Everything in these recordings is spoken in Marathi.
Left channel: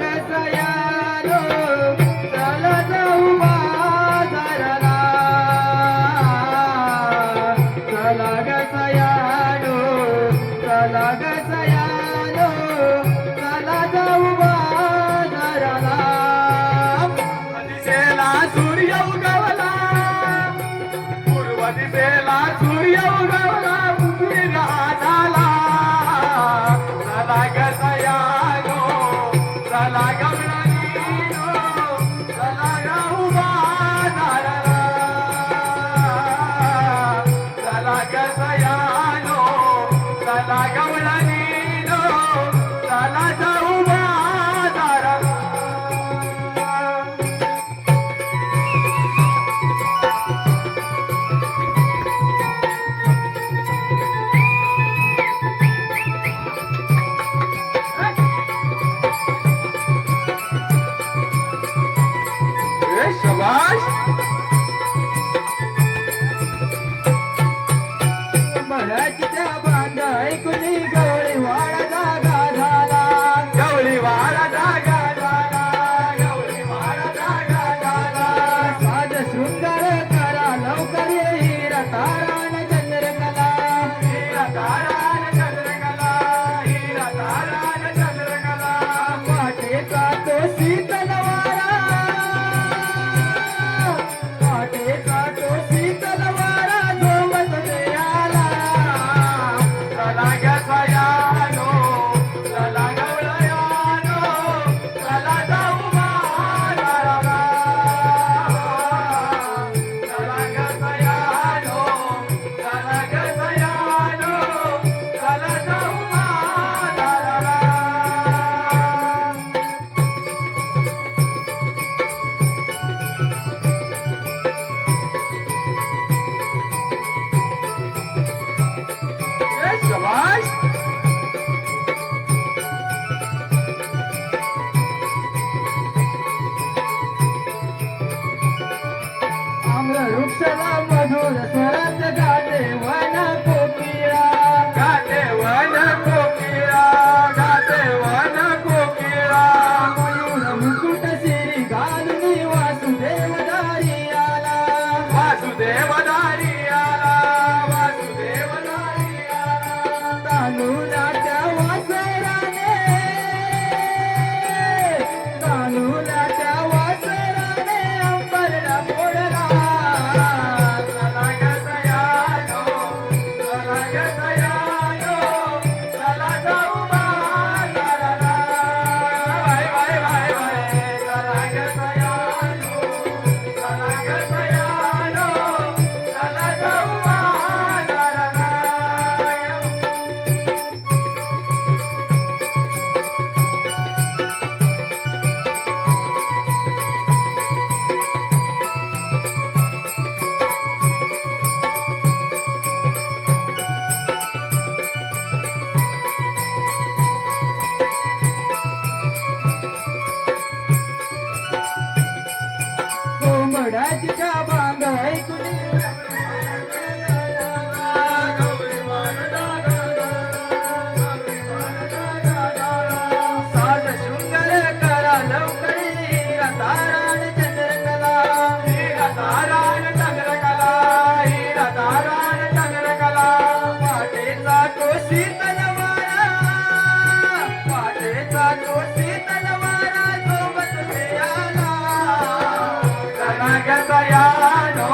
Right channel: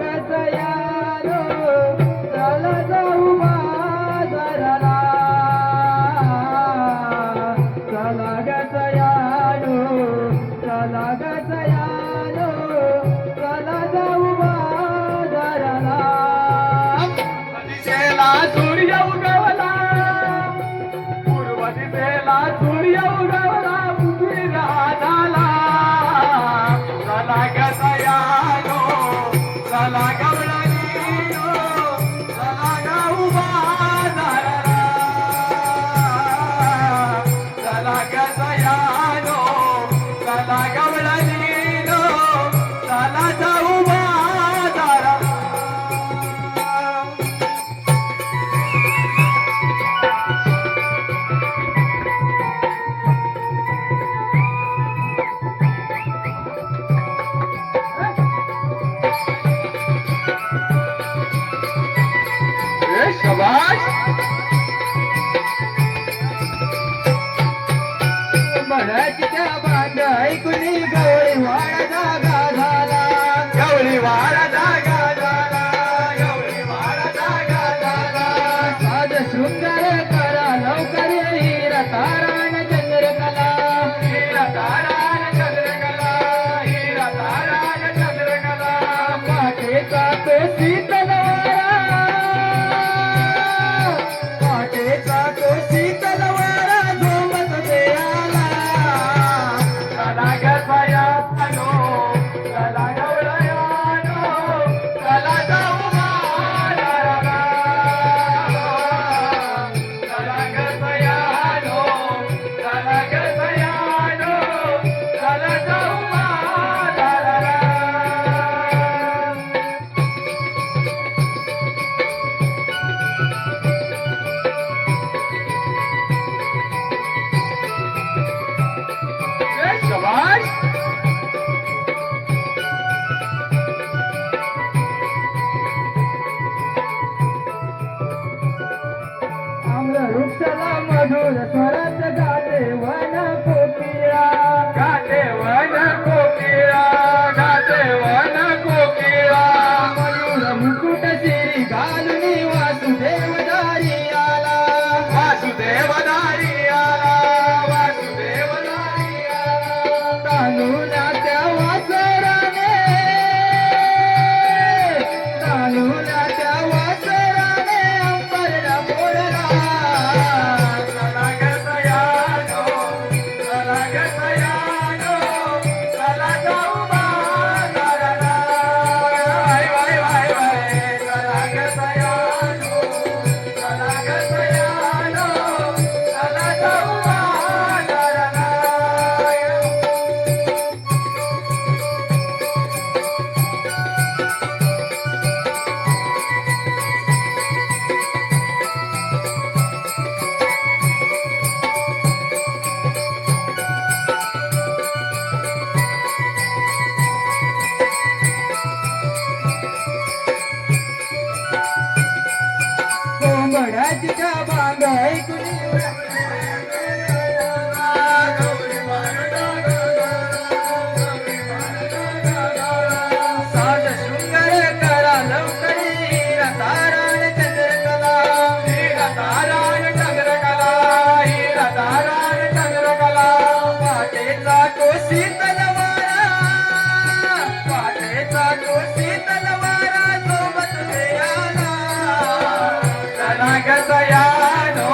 गसयानो चला जाऊ बाजाराला चला गसयानो चला गसयानो चला जाऊ बाजाराला दिसेला सूर्य उगवला पूर्व दिसेला सूर्य उगवला उशिरा झाला चला गसयानो चला गवळणीनो चला जाऊ बाजाराला चला गसयानो चला गवळणीनो चला जाऊ बाजाराला शाबाश बळाच्या बांध ऐकुनी गवळी वाडा जागा झाला गवळी वाडा जागा झाला गवळी वाडा जागा झाला साध सुंदर करा लवकर हिरा तारान चंद्रकला हिरा तारान चंद्रकला हिरा तारान चंद्रकला पाठेचा तो शीतलवारा पाठेचा तो शीतलवारा झोमत देयाला चला गसयानो चला गवळयानो चला जाऊ बाजाराला चला गसयानो चला गसयानो चला जाऊ बाजाराला शाबाश आम्र वृक्षाला मधुर स्वरात गाते वन कोकिळा गाते वन कोकिळा गाते वन कोकिळा मयूर मुकुट शिरी घालून वासुदेव दारी आला वासुदेव दारी आला वासुदेव दारी आला तांदूळाच्या वासराने तांदूळाच्या वासराने अंबरला फोडला चला गसयानो चला गसयानो चला जाऊ बाजाराला वाय वाय वाय वाय चला गसयानो चला गसयानो चला जाऊ बाजाराला कोंबड्याच्या बांग ऐकुनी साज शृंगार करा लवकरी हिरा तारान चंद्रकला हिरा तारान चंद्रकला हिरा तारान चंद्रकला पाटेचा तो शीतलवारा पाटेचा तो शीतलवारा सोबत देयाला चला गसयानो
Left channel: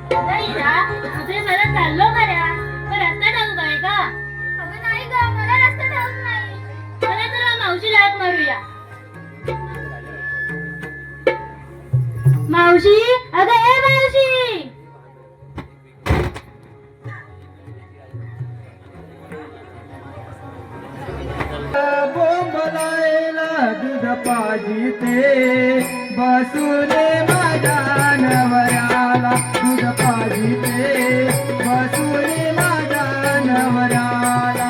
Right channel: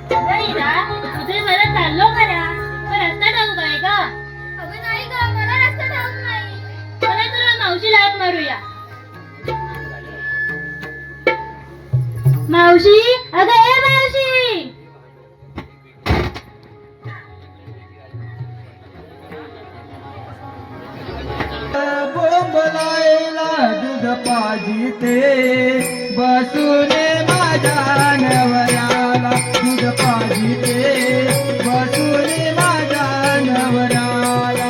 तुझे मला चाललो खऱ्या पण रस्ता ठाऊक आहे का? अगं नाही ग, मला रस्ता ठाऊक नाही. मला तुला मावशी लाट मारूया. मावशी, अगं ए मावशी. बोंबलायला दूध पाजिते बसून माझ्या नवऱ्याला दूध पाजिते बसून माझ्या नवऱ्याला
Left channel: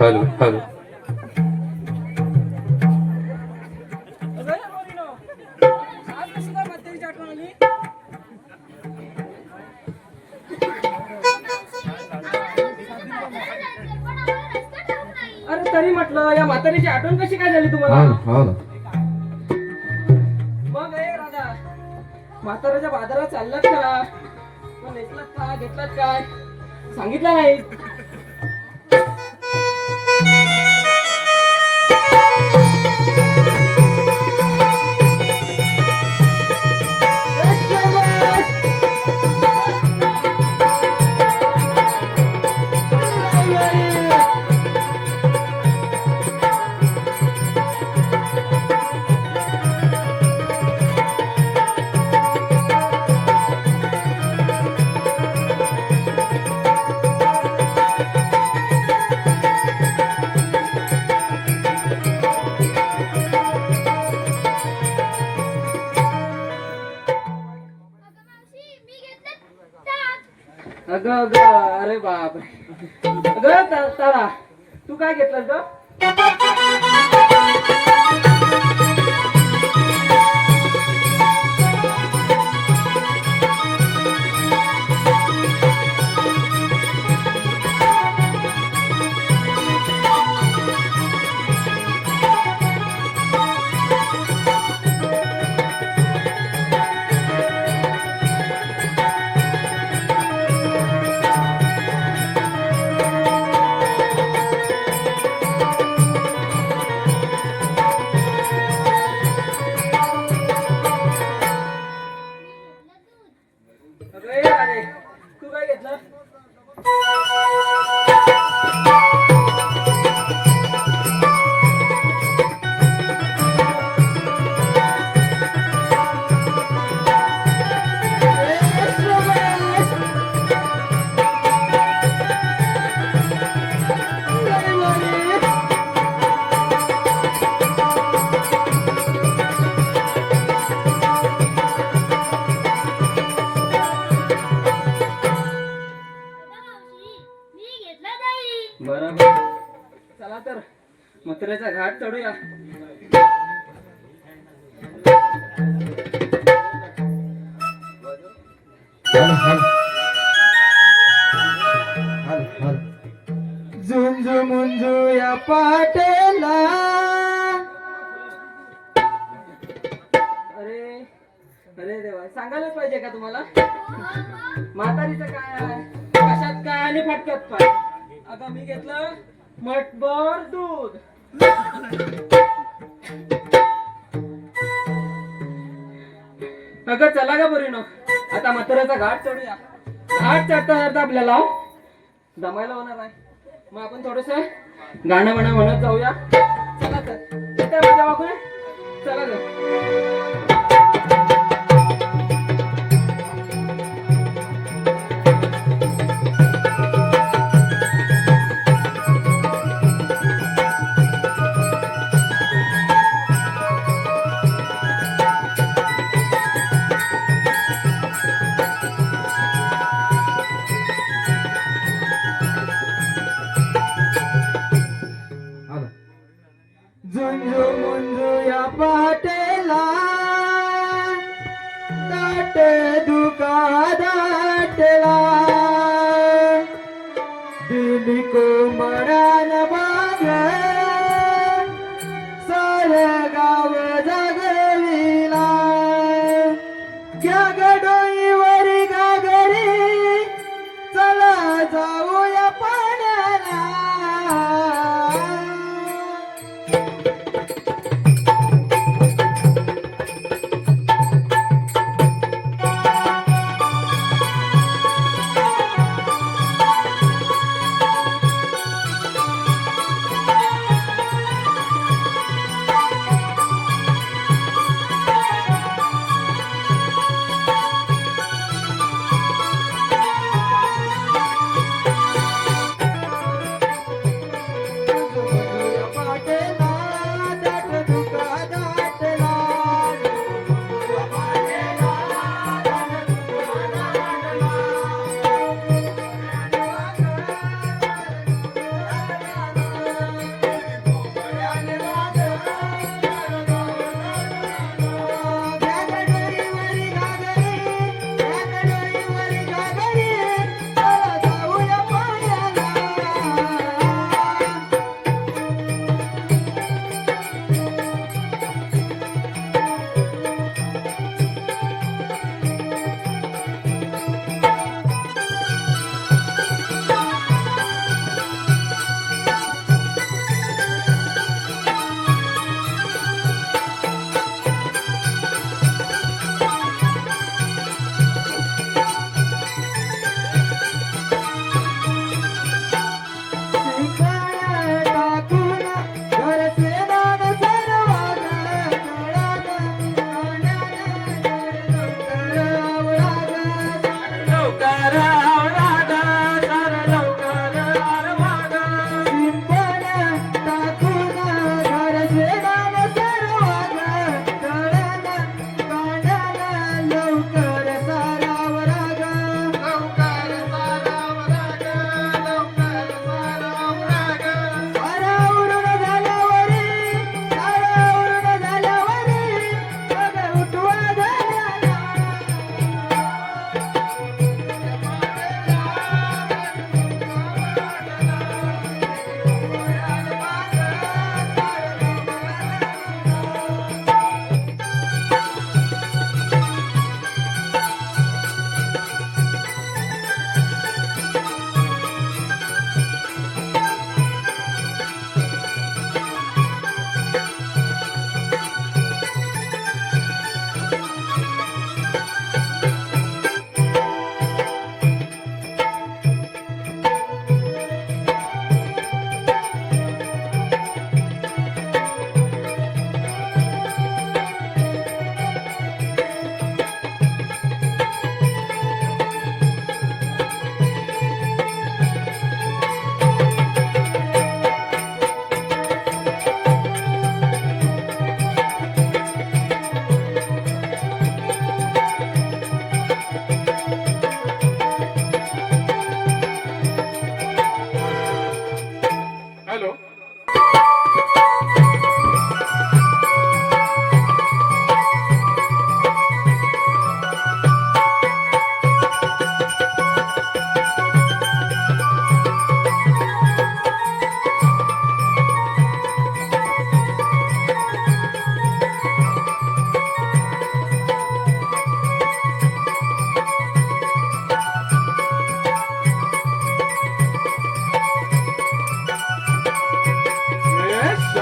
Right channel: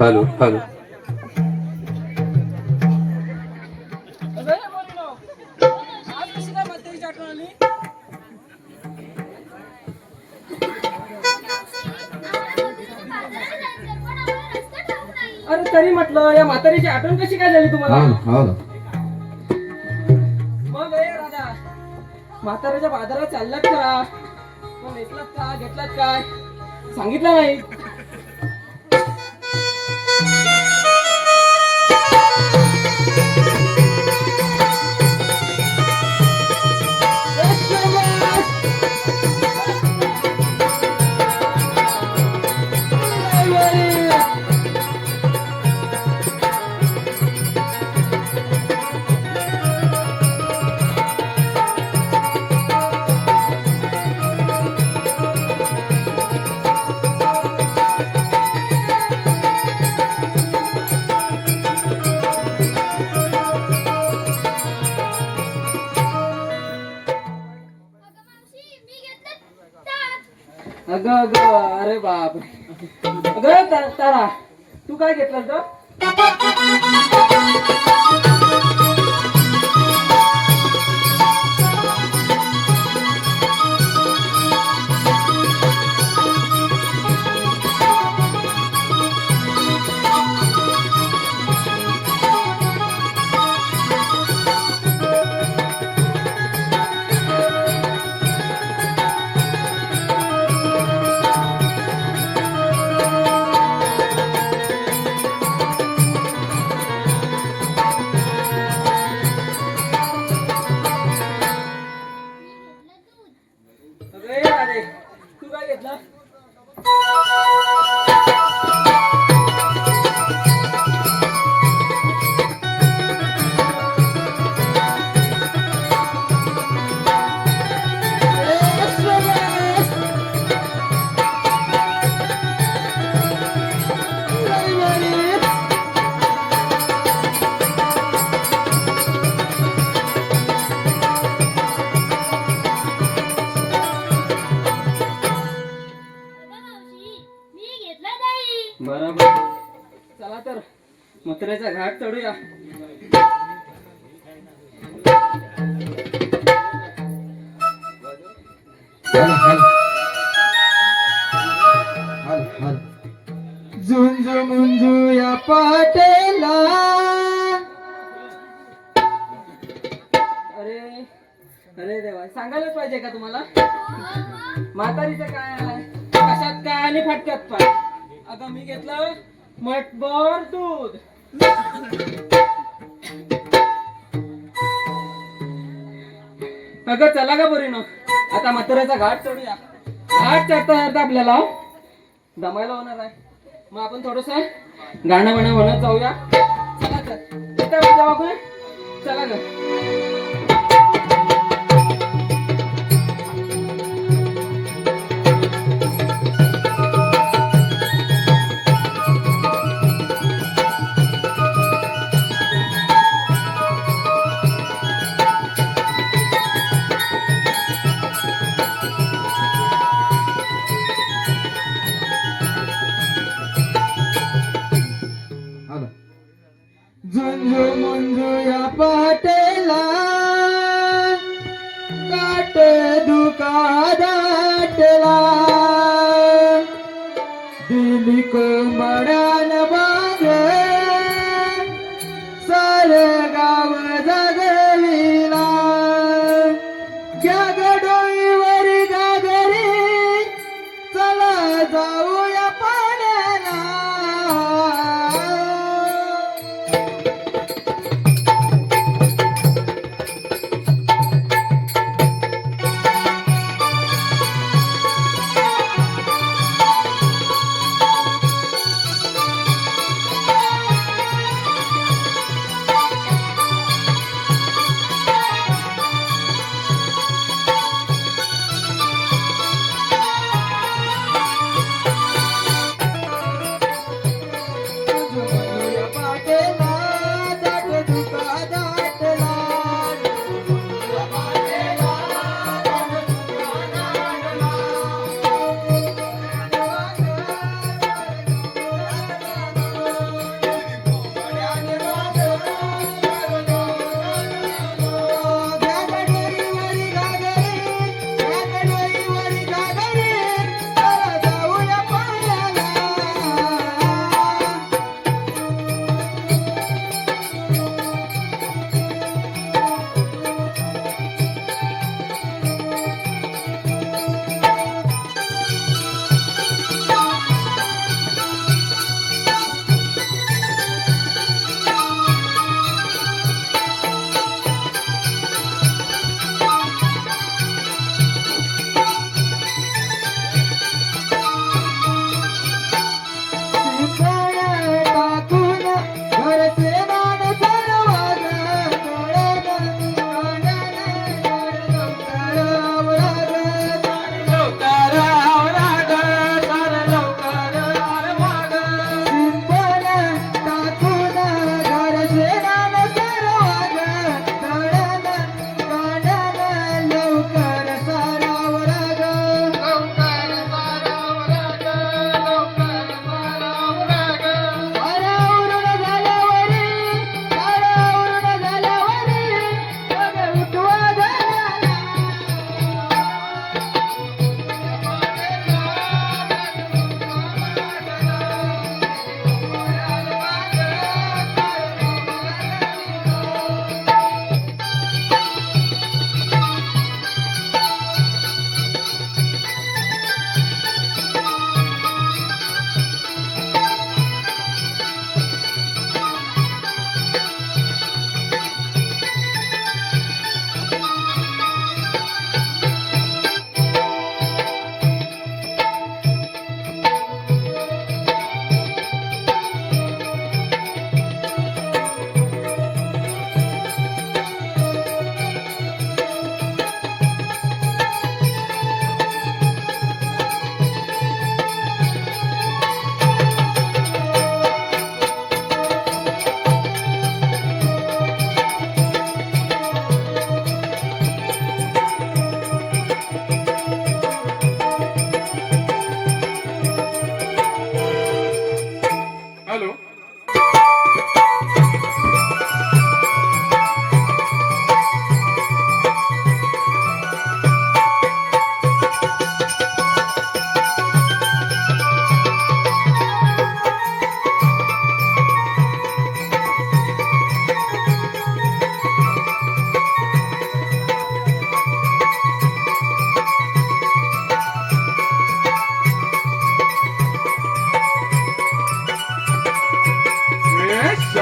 हॅलो हॅलो अरे तरी म्हटलं या म्हातारीची आठवण कशी काय झाली तुम्हाला? हा ना मग हे राजा म्हाताऱ्याच्या बाजारात चाललात का? मग नेसलात का घेतलात काय सांगितलं नाही? अगं अगं अरे बाप अगं तारा तू काय घेतलास ग? मथुरेचा घाट चढूया. झुंजू मुंजू या पाटेला. अरे अरे देवा, सांगायलाच पाहिजे का तुम्हाला? म्हातारीचं काय आहे, कशात काय आणि फटक्यात पाय. आता मी घेतलं मठभर दूध. अगं चला का बरीनो, आता म्हाताऱ्याचा घाट चढूया. घाट चढता आपल्याला दमायला होणार आहे. मग आपण थोडस गाणं म्हणत जाऊया. चला तर येतोय माझ्या बाबूने, चला ग. झुंजू मुंजू या पाटेला, दाट दुका दाटला. दिली कोंबड्यान बाग, सार गाव जागविला. घ्या ग डोईवर गागरी, चला जाऊया पाण्याला.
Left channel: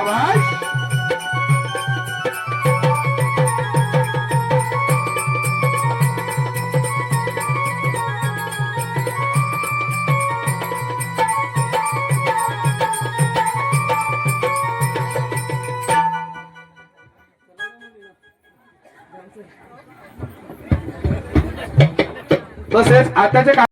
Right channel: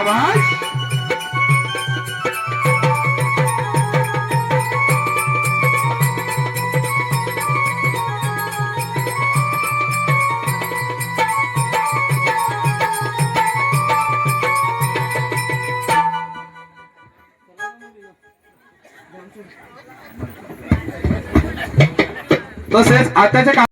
शाबाश. तसेच आताच्या काळात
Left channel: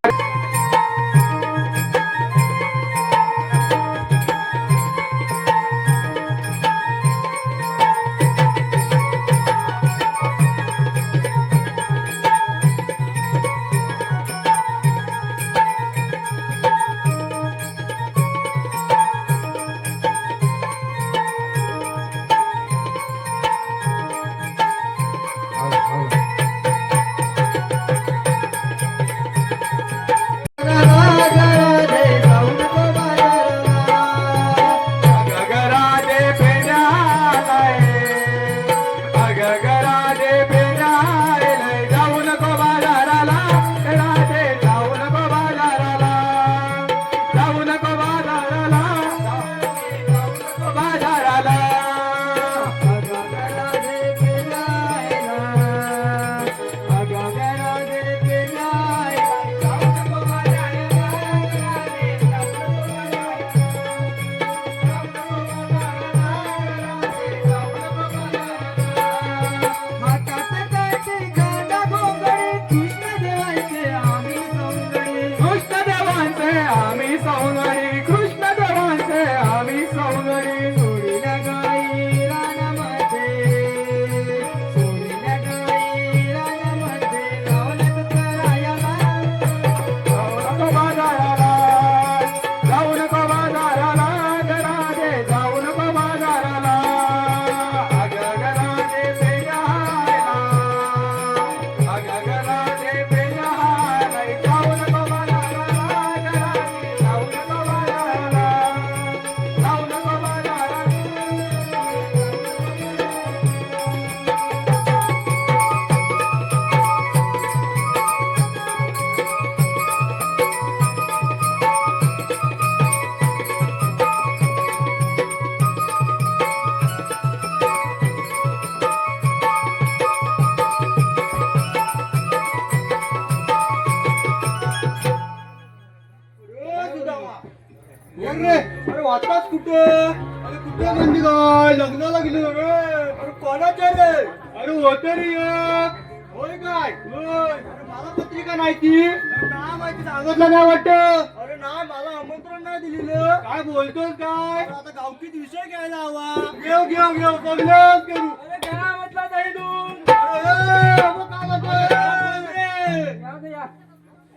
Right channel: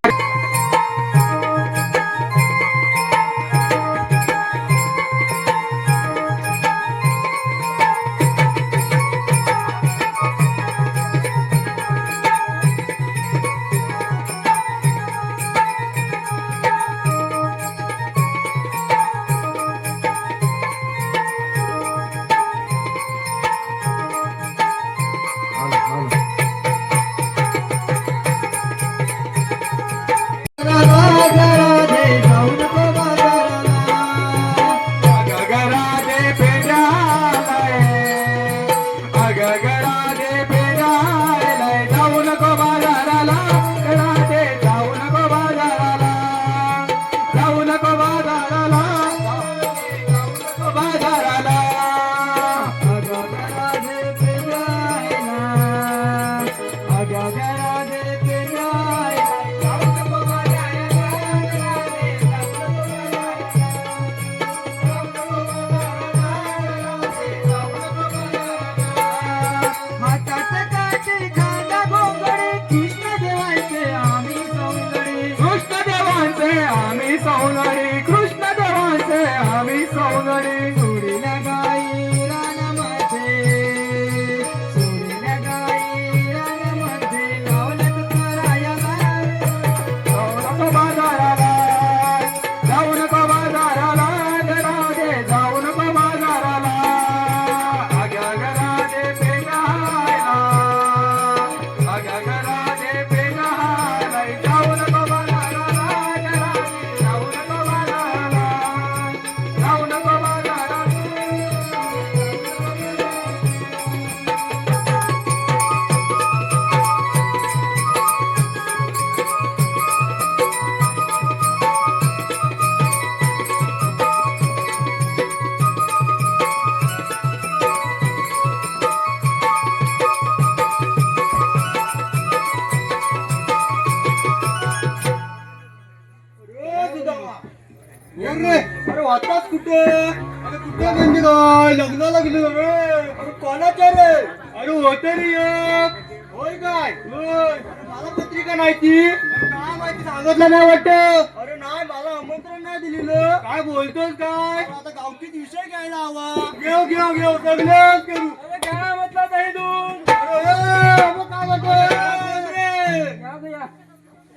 अरे वाटाच कुठे अरे कुठे म्हणजे काय लग्नाला गेलो रे अरे कोणाच्या रे अरे होते रे एक होय काय होय अरे मला पत्रिका नाही ती काय माहिती सांगितलं नाही वाटत अरे नाही मला आमंत्रण नाही दिलेलं काय बोलतोय काय आता गावकीत विषय घ्यायला हवा घेऊ घेऊ घेऊ सगळं करू अरे काय म्हटलं नाही तू अरे मग काय म्हणतोय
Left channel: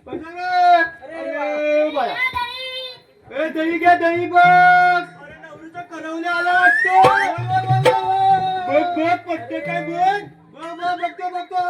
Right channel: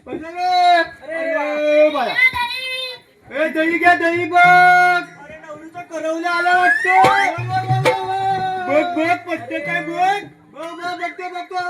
अरे बाया ए दही घ्या दही बघ अरे नवरीचं करवलं आलं वाटतं बघ बघ पटते काय बघ बघ बघ बघते बघतो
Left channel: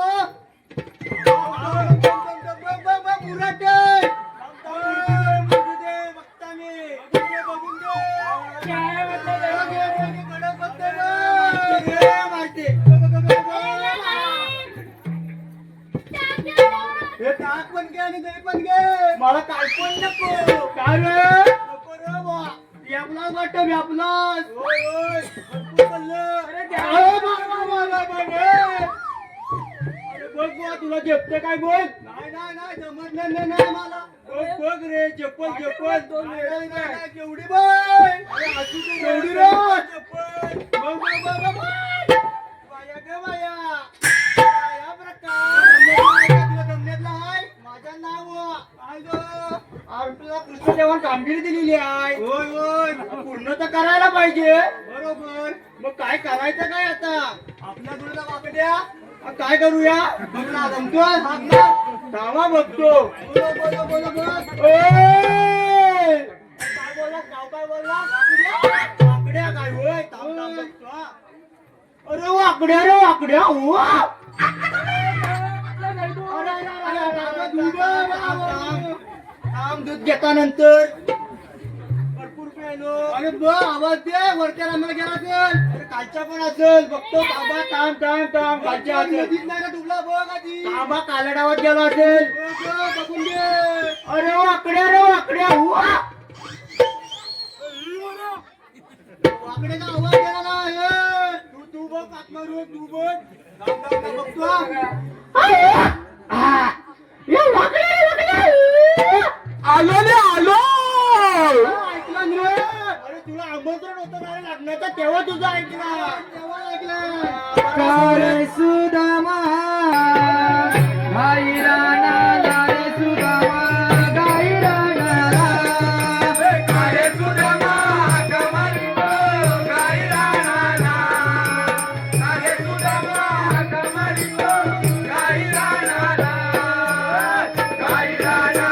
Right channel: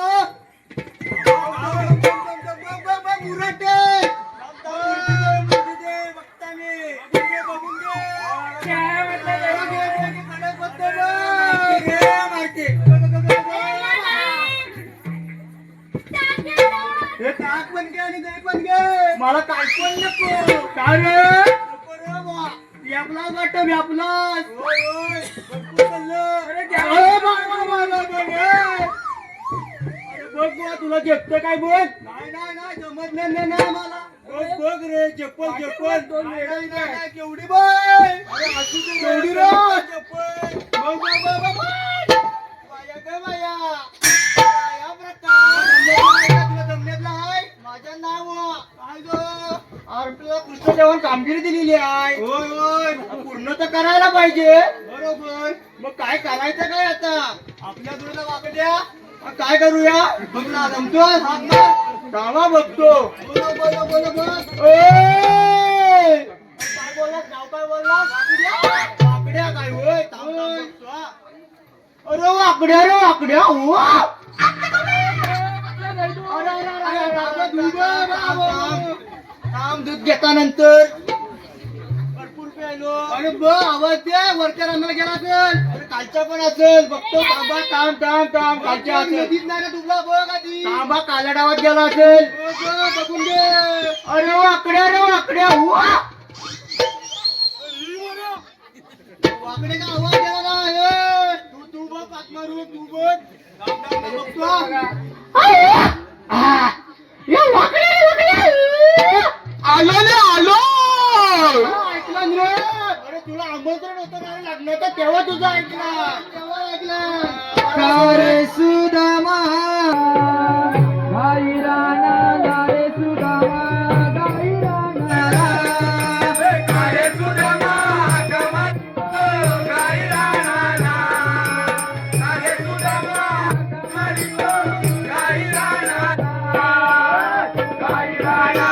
हे ताक पण घे आणि दही पण घे मला काय पण नको काय रे नको रे बा व्यापला वाटत व्यापला होय होय भरपूर चाललं अरे बघ बुवा तुला झेपतं काय बोल नाही नाही नाही समजलं नाही मला बघ बघ रे चप्पल चप्पल नाही नाही केवढी बाय अरे असू दे केवढी रे चप्पल बघ बघ बघ बाया ग बाया या प्रकार जमण्यातला आहे माझ्या नाव काय ग अरे तुला कृष्णदेवान कामगिरी दिलेली आहे होय होय पूर्ण तर करायला पाहिजे बरोबर मग काय करायचं काय आता आपल्या दुर्गा वाकड्या काय करूया बघला जमतो धावा बघतो बोलो बोलो बोलो बघ काय बोलला नाव काय बोलला वाकड्या काय होय थांब थांब बघतो अरे वाकड्या रे वाकड्या थांब दूध घेतानंतर भरपूर प्यायलो अरे ब आवाज दे वर्करांना गेला असेल अरे कालच्या पण असेल बघतो तांबा थांब थांब थांब कालच्या असेल नाही का तुला बघ आधी तांबा काल्या डावात गेला असेल बघून घे अरे वाकड्या रे वाकड्या वाकड्या का आवाज हाक मारू तू बोल बघतो आलो रे आलो ऐकलं रे अरे तुला आमंत्रण होतं ना लग्नाचं तेव्हा तुझं ऐकलं तेव्हा ऐकलं सुदामा गाई राणा रे सुदामा गाई राणा रे सुदामा गमन गाई राणा रे सुदामा गमन गाई राणा गाई राणा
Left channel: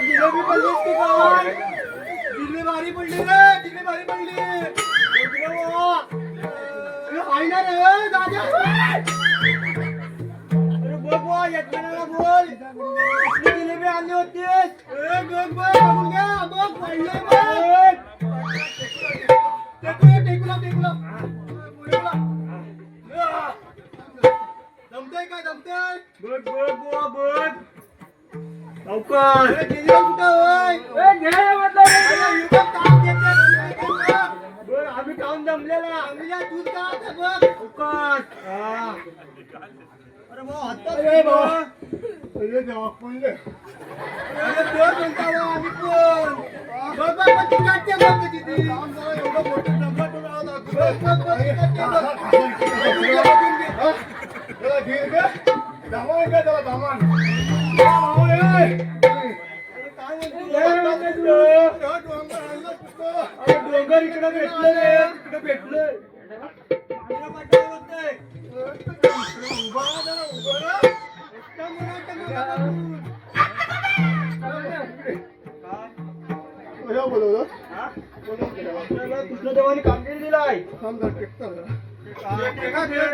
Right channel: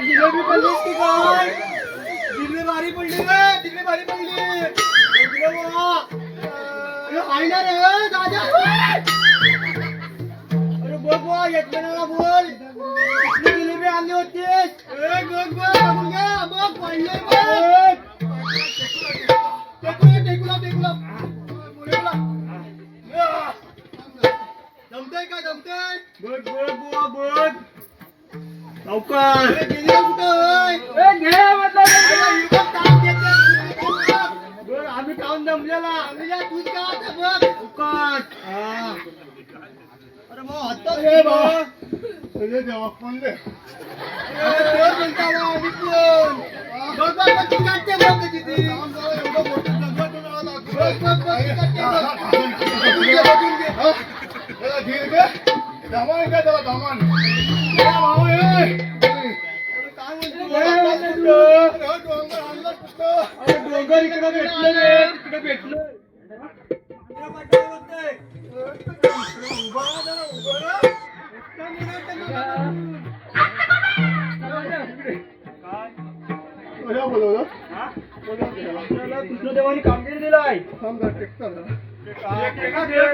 जिलेबी पडली की काय जिल्हे भारी पडली रे जिल्हे भारी पडली आहे ना रे दादा अरे बघ वा यजमानाला बोल किती जिलेबी आणली होतीस बघ बघ बघ पडले टेकला जमतंय का जमतंय बघ बघ बुवा बघ लवकर आम्ही खाऊन जमलेला दूध का बघ अरे भाऊ हातात रे भाऊ अरे देवा पडले आम्ही पण बघ बघ ती काढते बघ कशी ती एवढं मोठं डब्बा बनवावा त्याला घे गे दामान का त्याला दामान डोंगर इकडे भेटले रे तिकडे भेटले कृष्णदेवानी कामगिरी दिलाय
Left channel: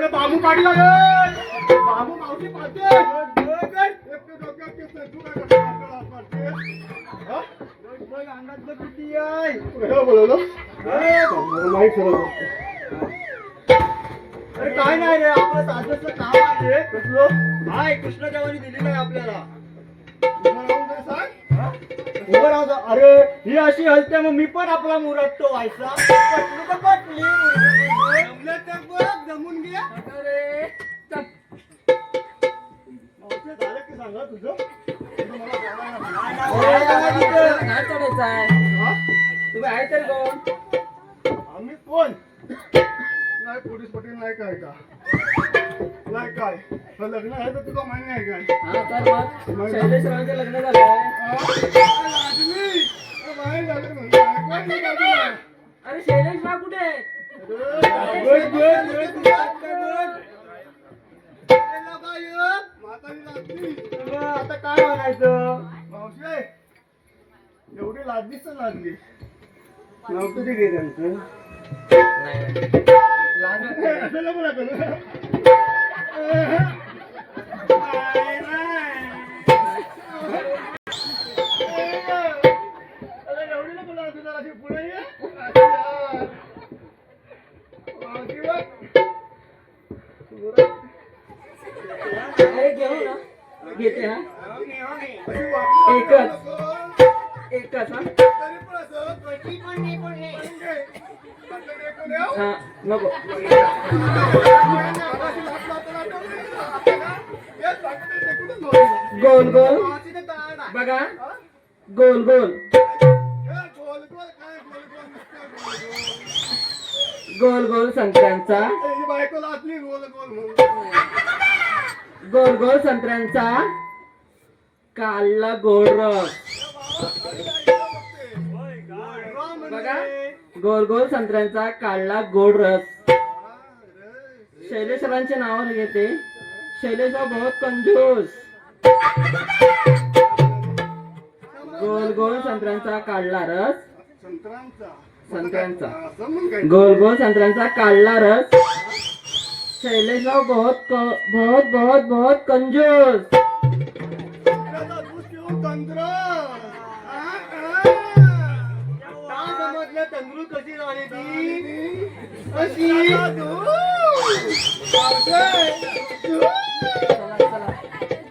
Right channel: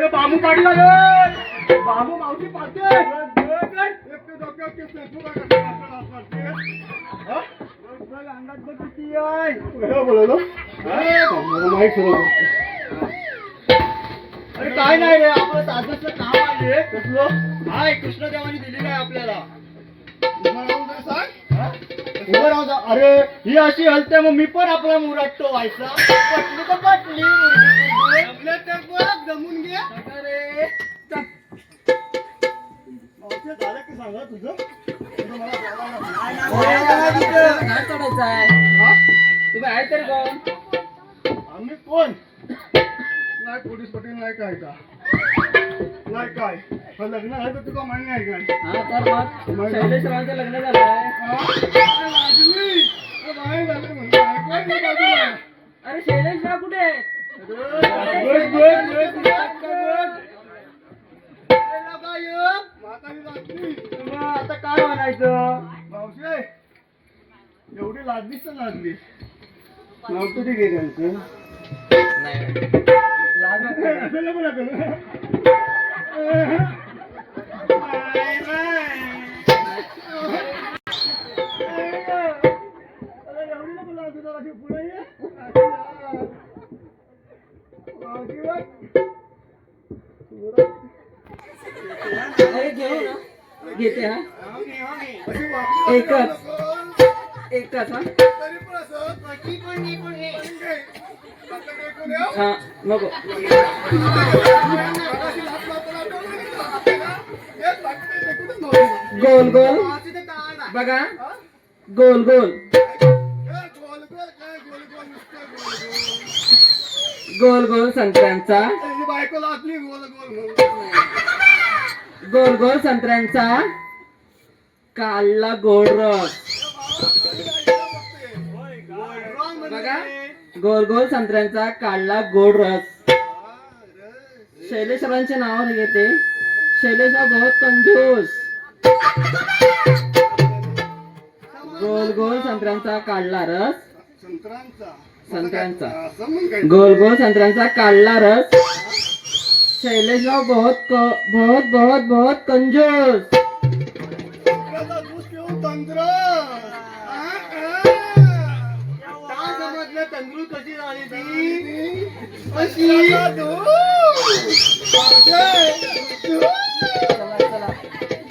बांबू काढी लागेल बांबू मावशी पाहते अंगात किती आहे अरे काय नाही रे आपलं साधेचं काम आहे कसलं हाय कृष्णदेवानी दिलेलं आहे आपल्याला उभं राहून जा अरे ही अशी हलते मग मी पण आपला मुराटतो व्हायचा पटली तर पटली जमलं तर बघ जमून घे झालं की सांगा तुझं घाट चढायचा आहे तुम्ही आहे तरी कोण आम्ही कोण काय पोलीस पटेल नाही काय का नाही काय हे लग्न आहे तर तुला मान्य आहे काय हा तर मग शैलेशरावांचं लग्न झालंय. लाजली बाहेर झालं म्हणतो ऐकवायचं बाजूला. अरे शैलेशराव कुठे आहेत? आता काय म्हणायचं मावशी एवढी लाजलीच तर लाजली नव्हतं ते घे त्यांचं लाज वाटते. असं नको ना करू. अरे एवढी नको लाजू जरा अशी पुढे ये. अशी यार. मावशी बघ. अरे घेऊ ना घेते हा अशी वाकडी एकच. नको. एकच हा तरी पण असं कशी पण नाही पण हे. आता देखून येऊ. हा नको. गोल गोल बघा गोल गोल गोल गोल संत्र्यांचा बायकोला आपली गोल गोल गोल गोल संत्र्यांचा काढला गोड रस. बघा गोल गोल संत्र्यांचा काढला गोड रस. शैलेशरावांचे नाव घेते. शैलेशराव बहुत कंजूस. गोल गोल संत्र्यांचा काढला रस. संत्र्यांचा गोल गोल संत्र्यांचा काढला रस. शैलेशराव बहुत बहुत बहुत बहुत कंजूस. तंदूर कशी झाली ती कशी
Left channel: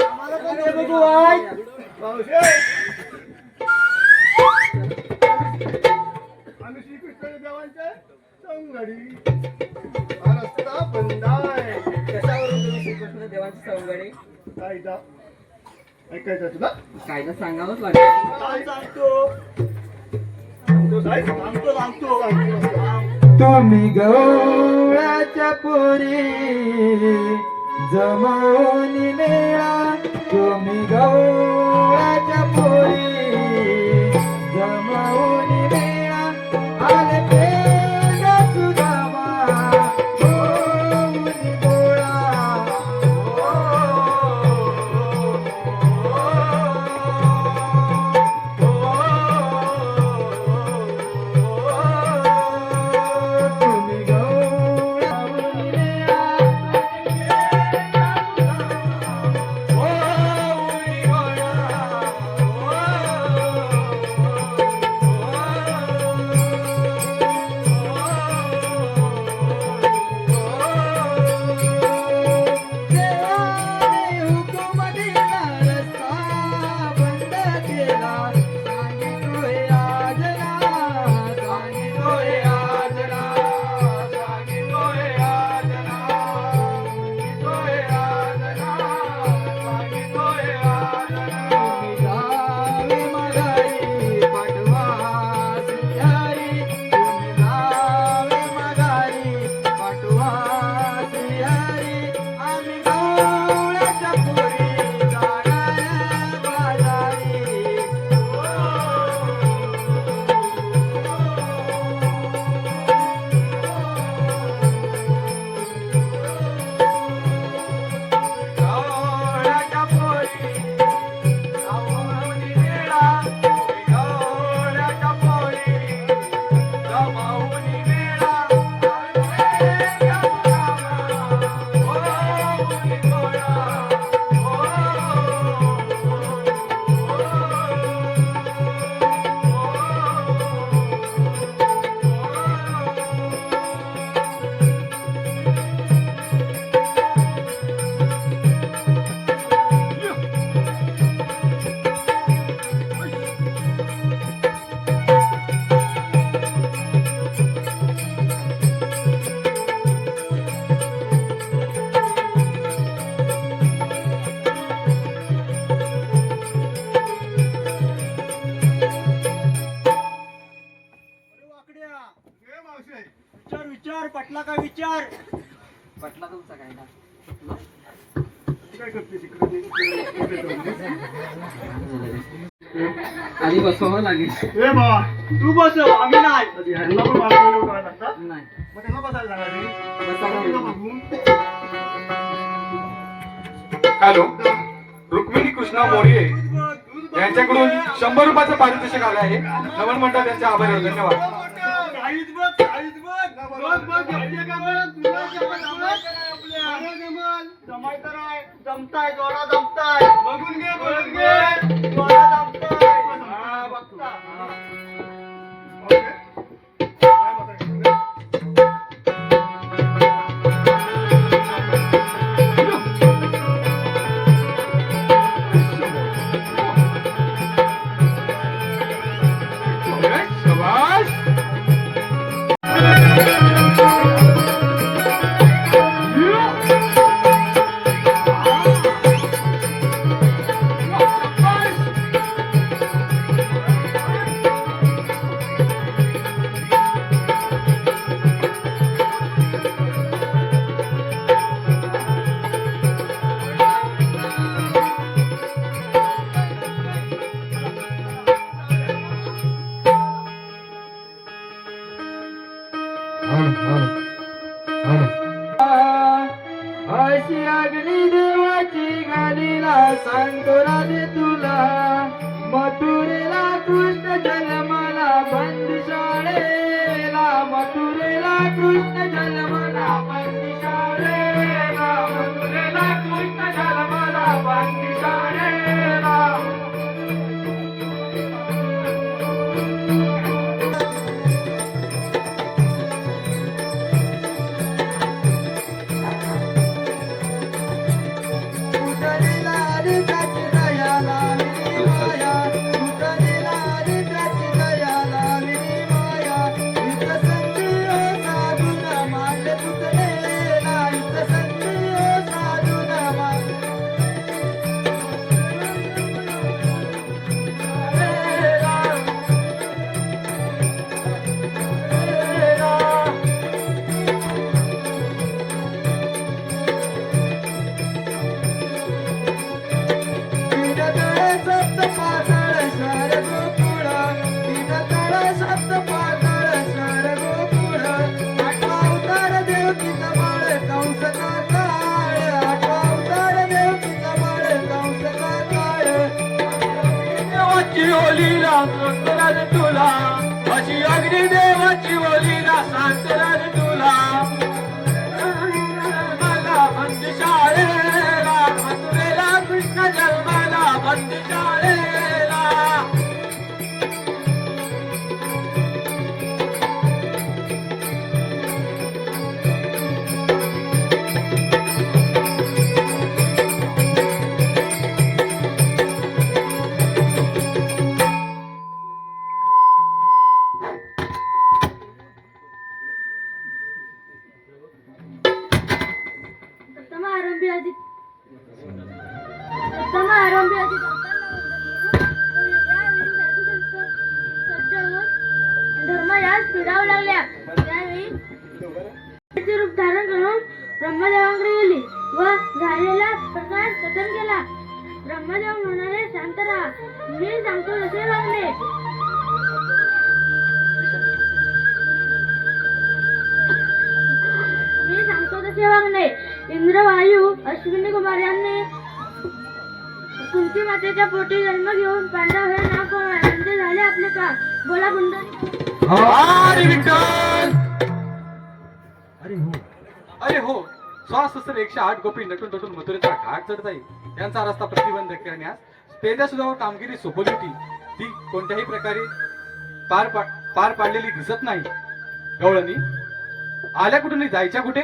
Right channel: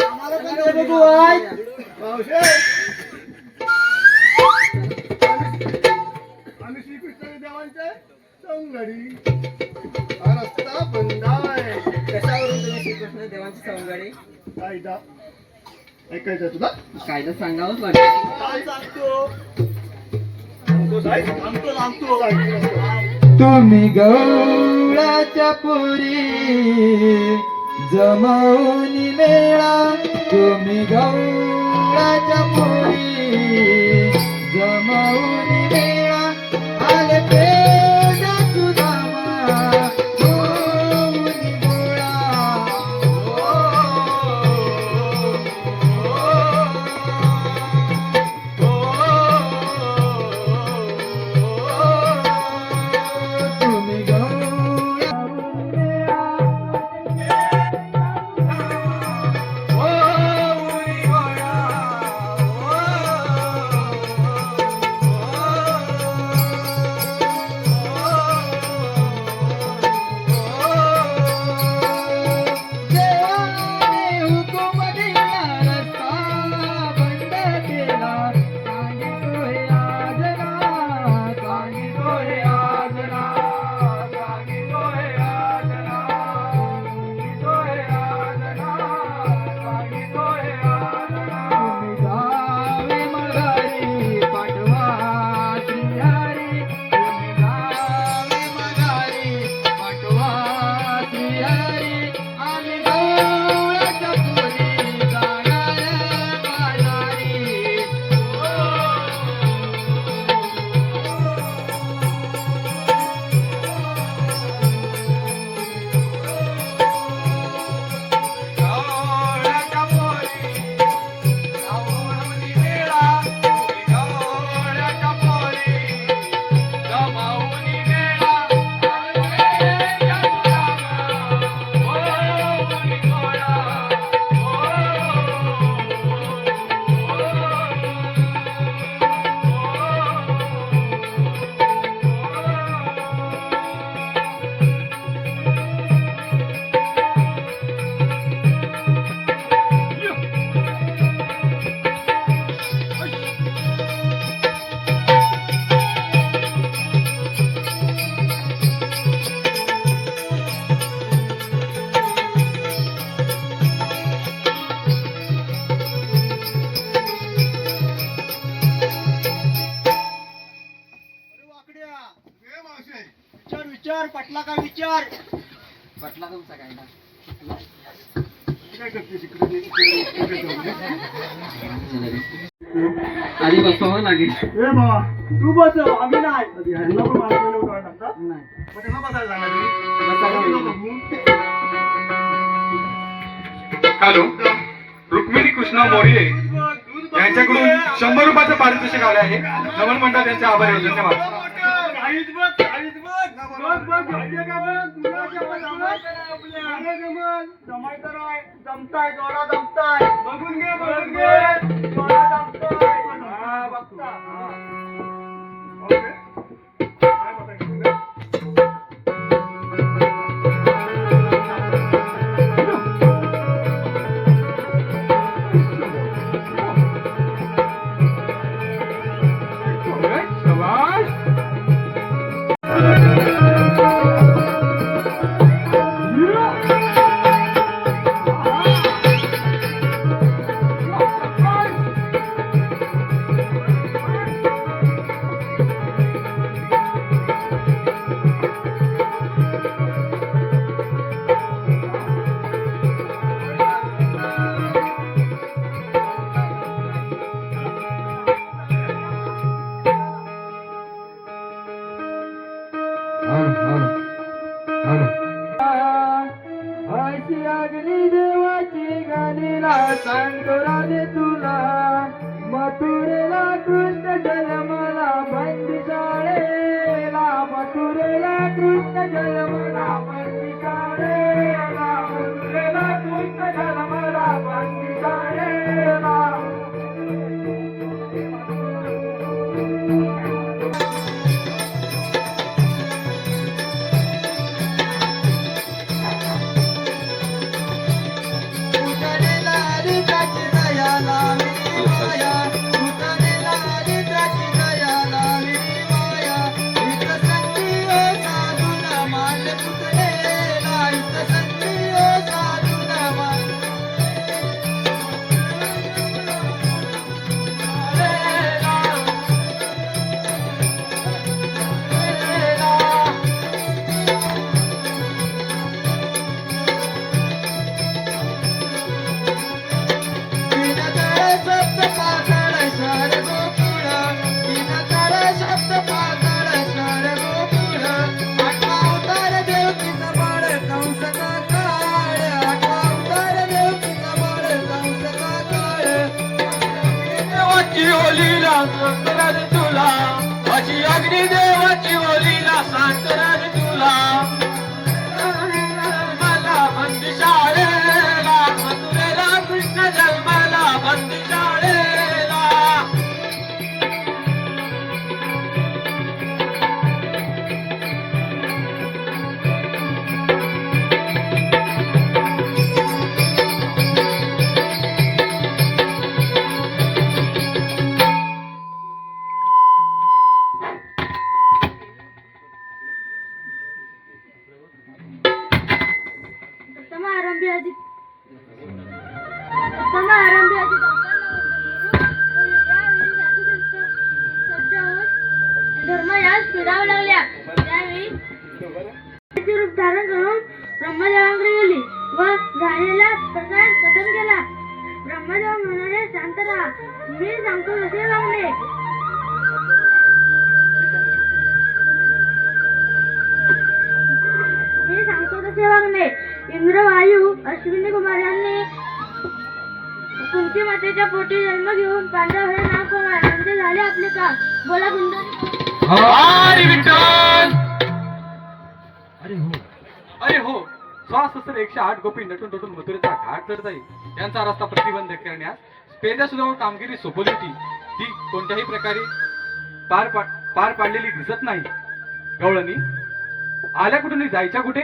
आम्हाला पण दे बघू आई. मावशे आम्ही श्रीकृष्ण देवांचे संगडी हा रस्ता बंद आहे. कशावरून तुम्ही श्रीकृष्ण देवांची सवंगडी कायदा ऐकायचं तुला कायदा सांगावंच लागेल. काय सांगतो सांगतो तुम्ही गवळाच्या पुरी जमवून मेळा. तुम्ही गवळाच्या पुरी जमवून मेळा. आले पेंडा सुदामा होऊन गोळा. तुम्ही गवळावून मेळा. होऊन गोळा. विचार विचार पटला का विचार? पटला तुमचा काय ना? काय करते तिकडे? आधी बसवावं लागेल. ए बाबा तू बसव आम्ही नाही. ह्यांना पण मागवलं होतं आता. नाही मग त्यांना बसायला सांगा तुम्ही. बसायला हॅलो, रुक्मिणी कृष्णा मोरे यांच्याकडून 100 रुपयाचं पारितोषिक आले आहे. नमन म्हणतात त्यांचे आभारी आहे. धन्यवाद. काहीच बघ काहीच बघ बघ बघ घ्यायचे का बघ तुला जमाय तर आहे जमताय जोडा जमताय बघून घे जोडा जमताय हा बघता शाबाश. अशी अग्नी देवाची गालीला सांगतो राधे तुला मथुरेला कृष्ण जन्मला बंदिशाळेला मथुरेला कृष्ण जन्मला बंदिशाळेला मथुरेला कृष्ण जन्मला बंदिशाळेला तुला अशी अग्नी देवाची ओलीला सांगणार तुला मला बंदिशाळेला मथुरेला कृष्ण जन्मला बंदिशाळेला आरंभी आधी डॉक्टरला यावेळी साधू संत सज्ज होऊन धर्मयास फिरावं लागल्या. त्यावेळी रूप धारण करून ब्रह्मदेवाकडे गेली व झालेला प्रकार कथन केला. ब्रह्मदेव म्हणाले, शांत राहा, मी सांगतो तसे वागणे. इंद्र वायू अश्विनी कुमार यांनी कुंती मातेच्या पोटी जन्म घेऊन पांडव हे नाव कोण म्हणजे झाले आपले का? बोला गुंड. हरी विठ्ठल. अरे हो सहस्र 108 गोपी नटून तटून मथुरेचा घाट चढत आहे. यांचा रस्ता प्रतिबंध करण्यास पेजा सुद्धा कामगिरी सोपवली होती. ती कोणत्याही प्रकारे पार पाडलेली दिसत नाही. गवळणी आल्या कुठून जायच्या कुठे?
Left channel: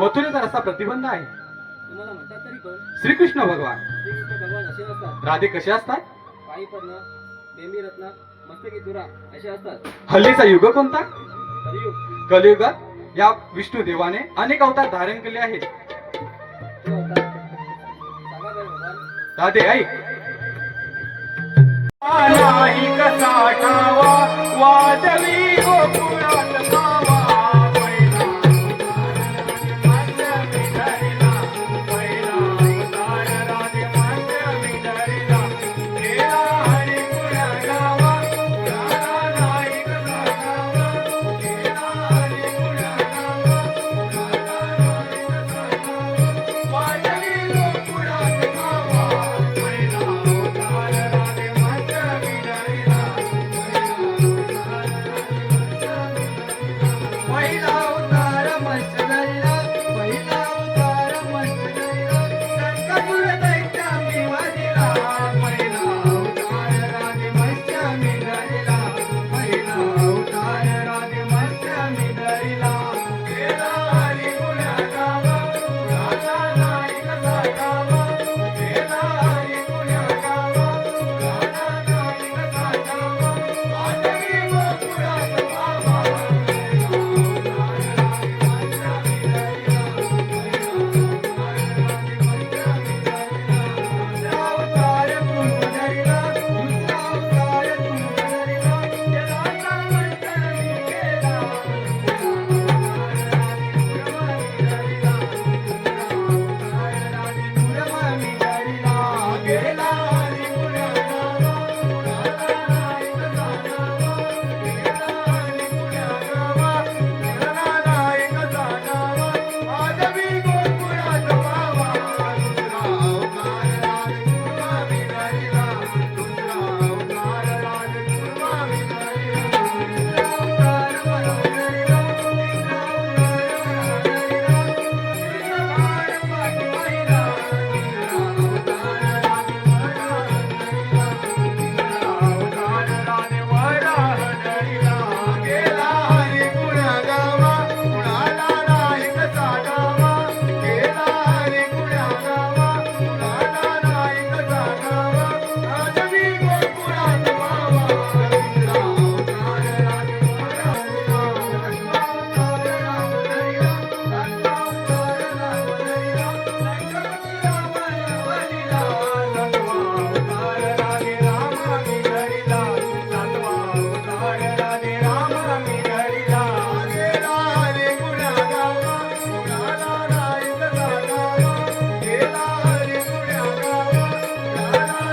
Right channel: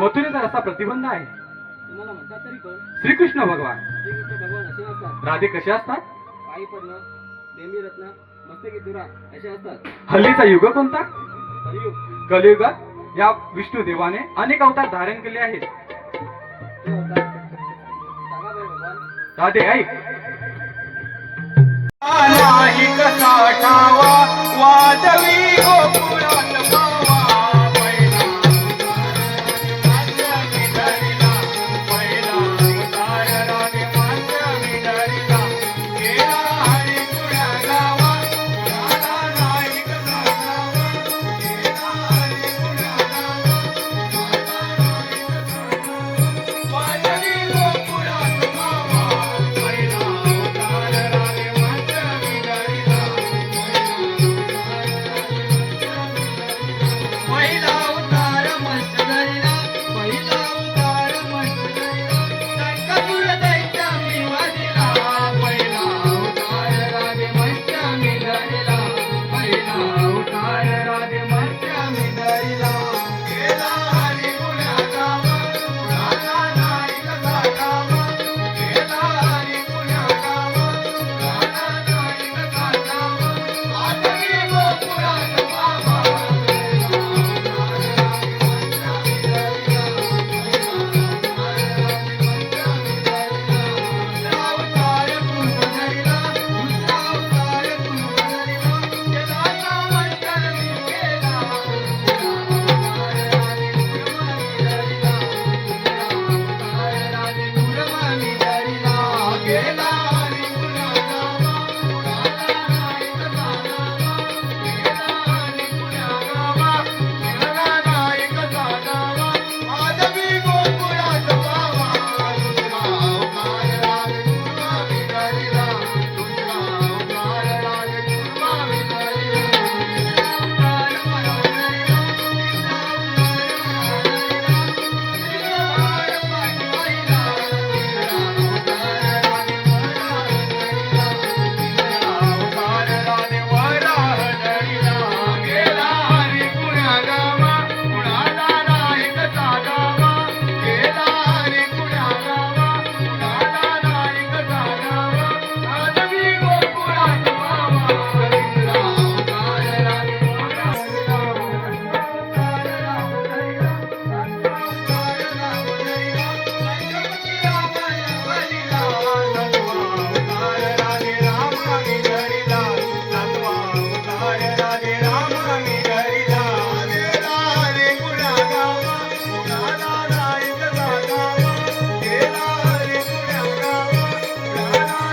मथुरेचा रस्ता प्रतिबंध आहे. तुम्हाला म्हणतात तरी कोण? श्रीकृष्ण भगवान. श्रीकृष्ण भगवान असे असतात. राधे कसे असतात? पायी पद्म, बेंबी रत्न, मस्तकी तुरा असे असतात. हल्लीचा युग कोणता? कलियुग. कलियुगात या विष्णू देवाने अनेक अवतार धारण केले आहेत. ते अवतार सांगा बरं भगवान. राधे ऐक. नाही कसा ठावा माधवी गोकुळात मावा पहिला मास्य विधरीला पहिला अवतार राजे मास्य विधरीला गेला हरी पुण्या गावा पुण्याला नाही कसा गावा गेला हरी पुण्या गावा पुण्याला नाही कसा गावा माधवी गोकुळात मावा पहिला अवतार राजे मास्य विधरीला पहिला अवतार मस्त धरला पहिला अवतार मस्त धरला शंकर दैत्य मी वादिला पहिला अवतार राजे मस्त मी धरला पहिला अवतार राजे मस्त मी धरला गेला हरी पुण्या गावा पुण्याला नाही कसा गावा गेला हरी पुण्या गावा पुण्याला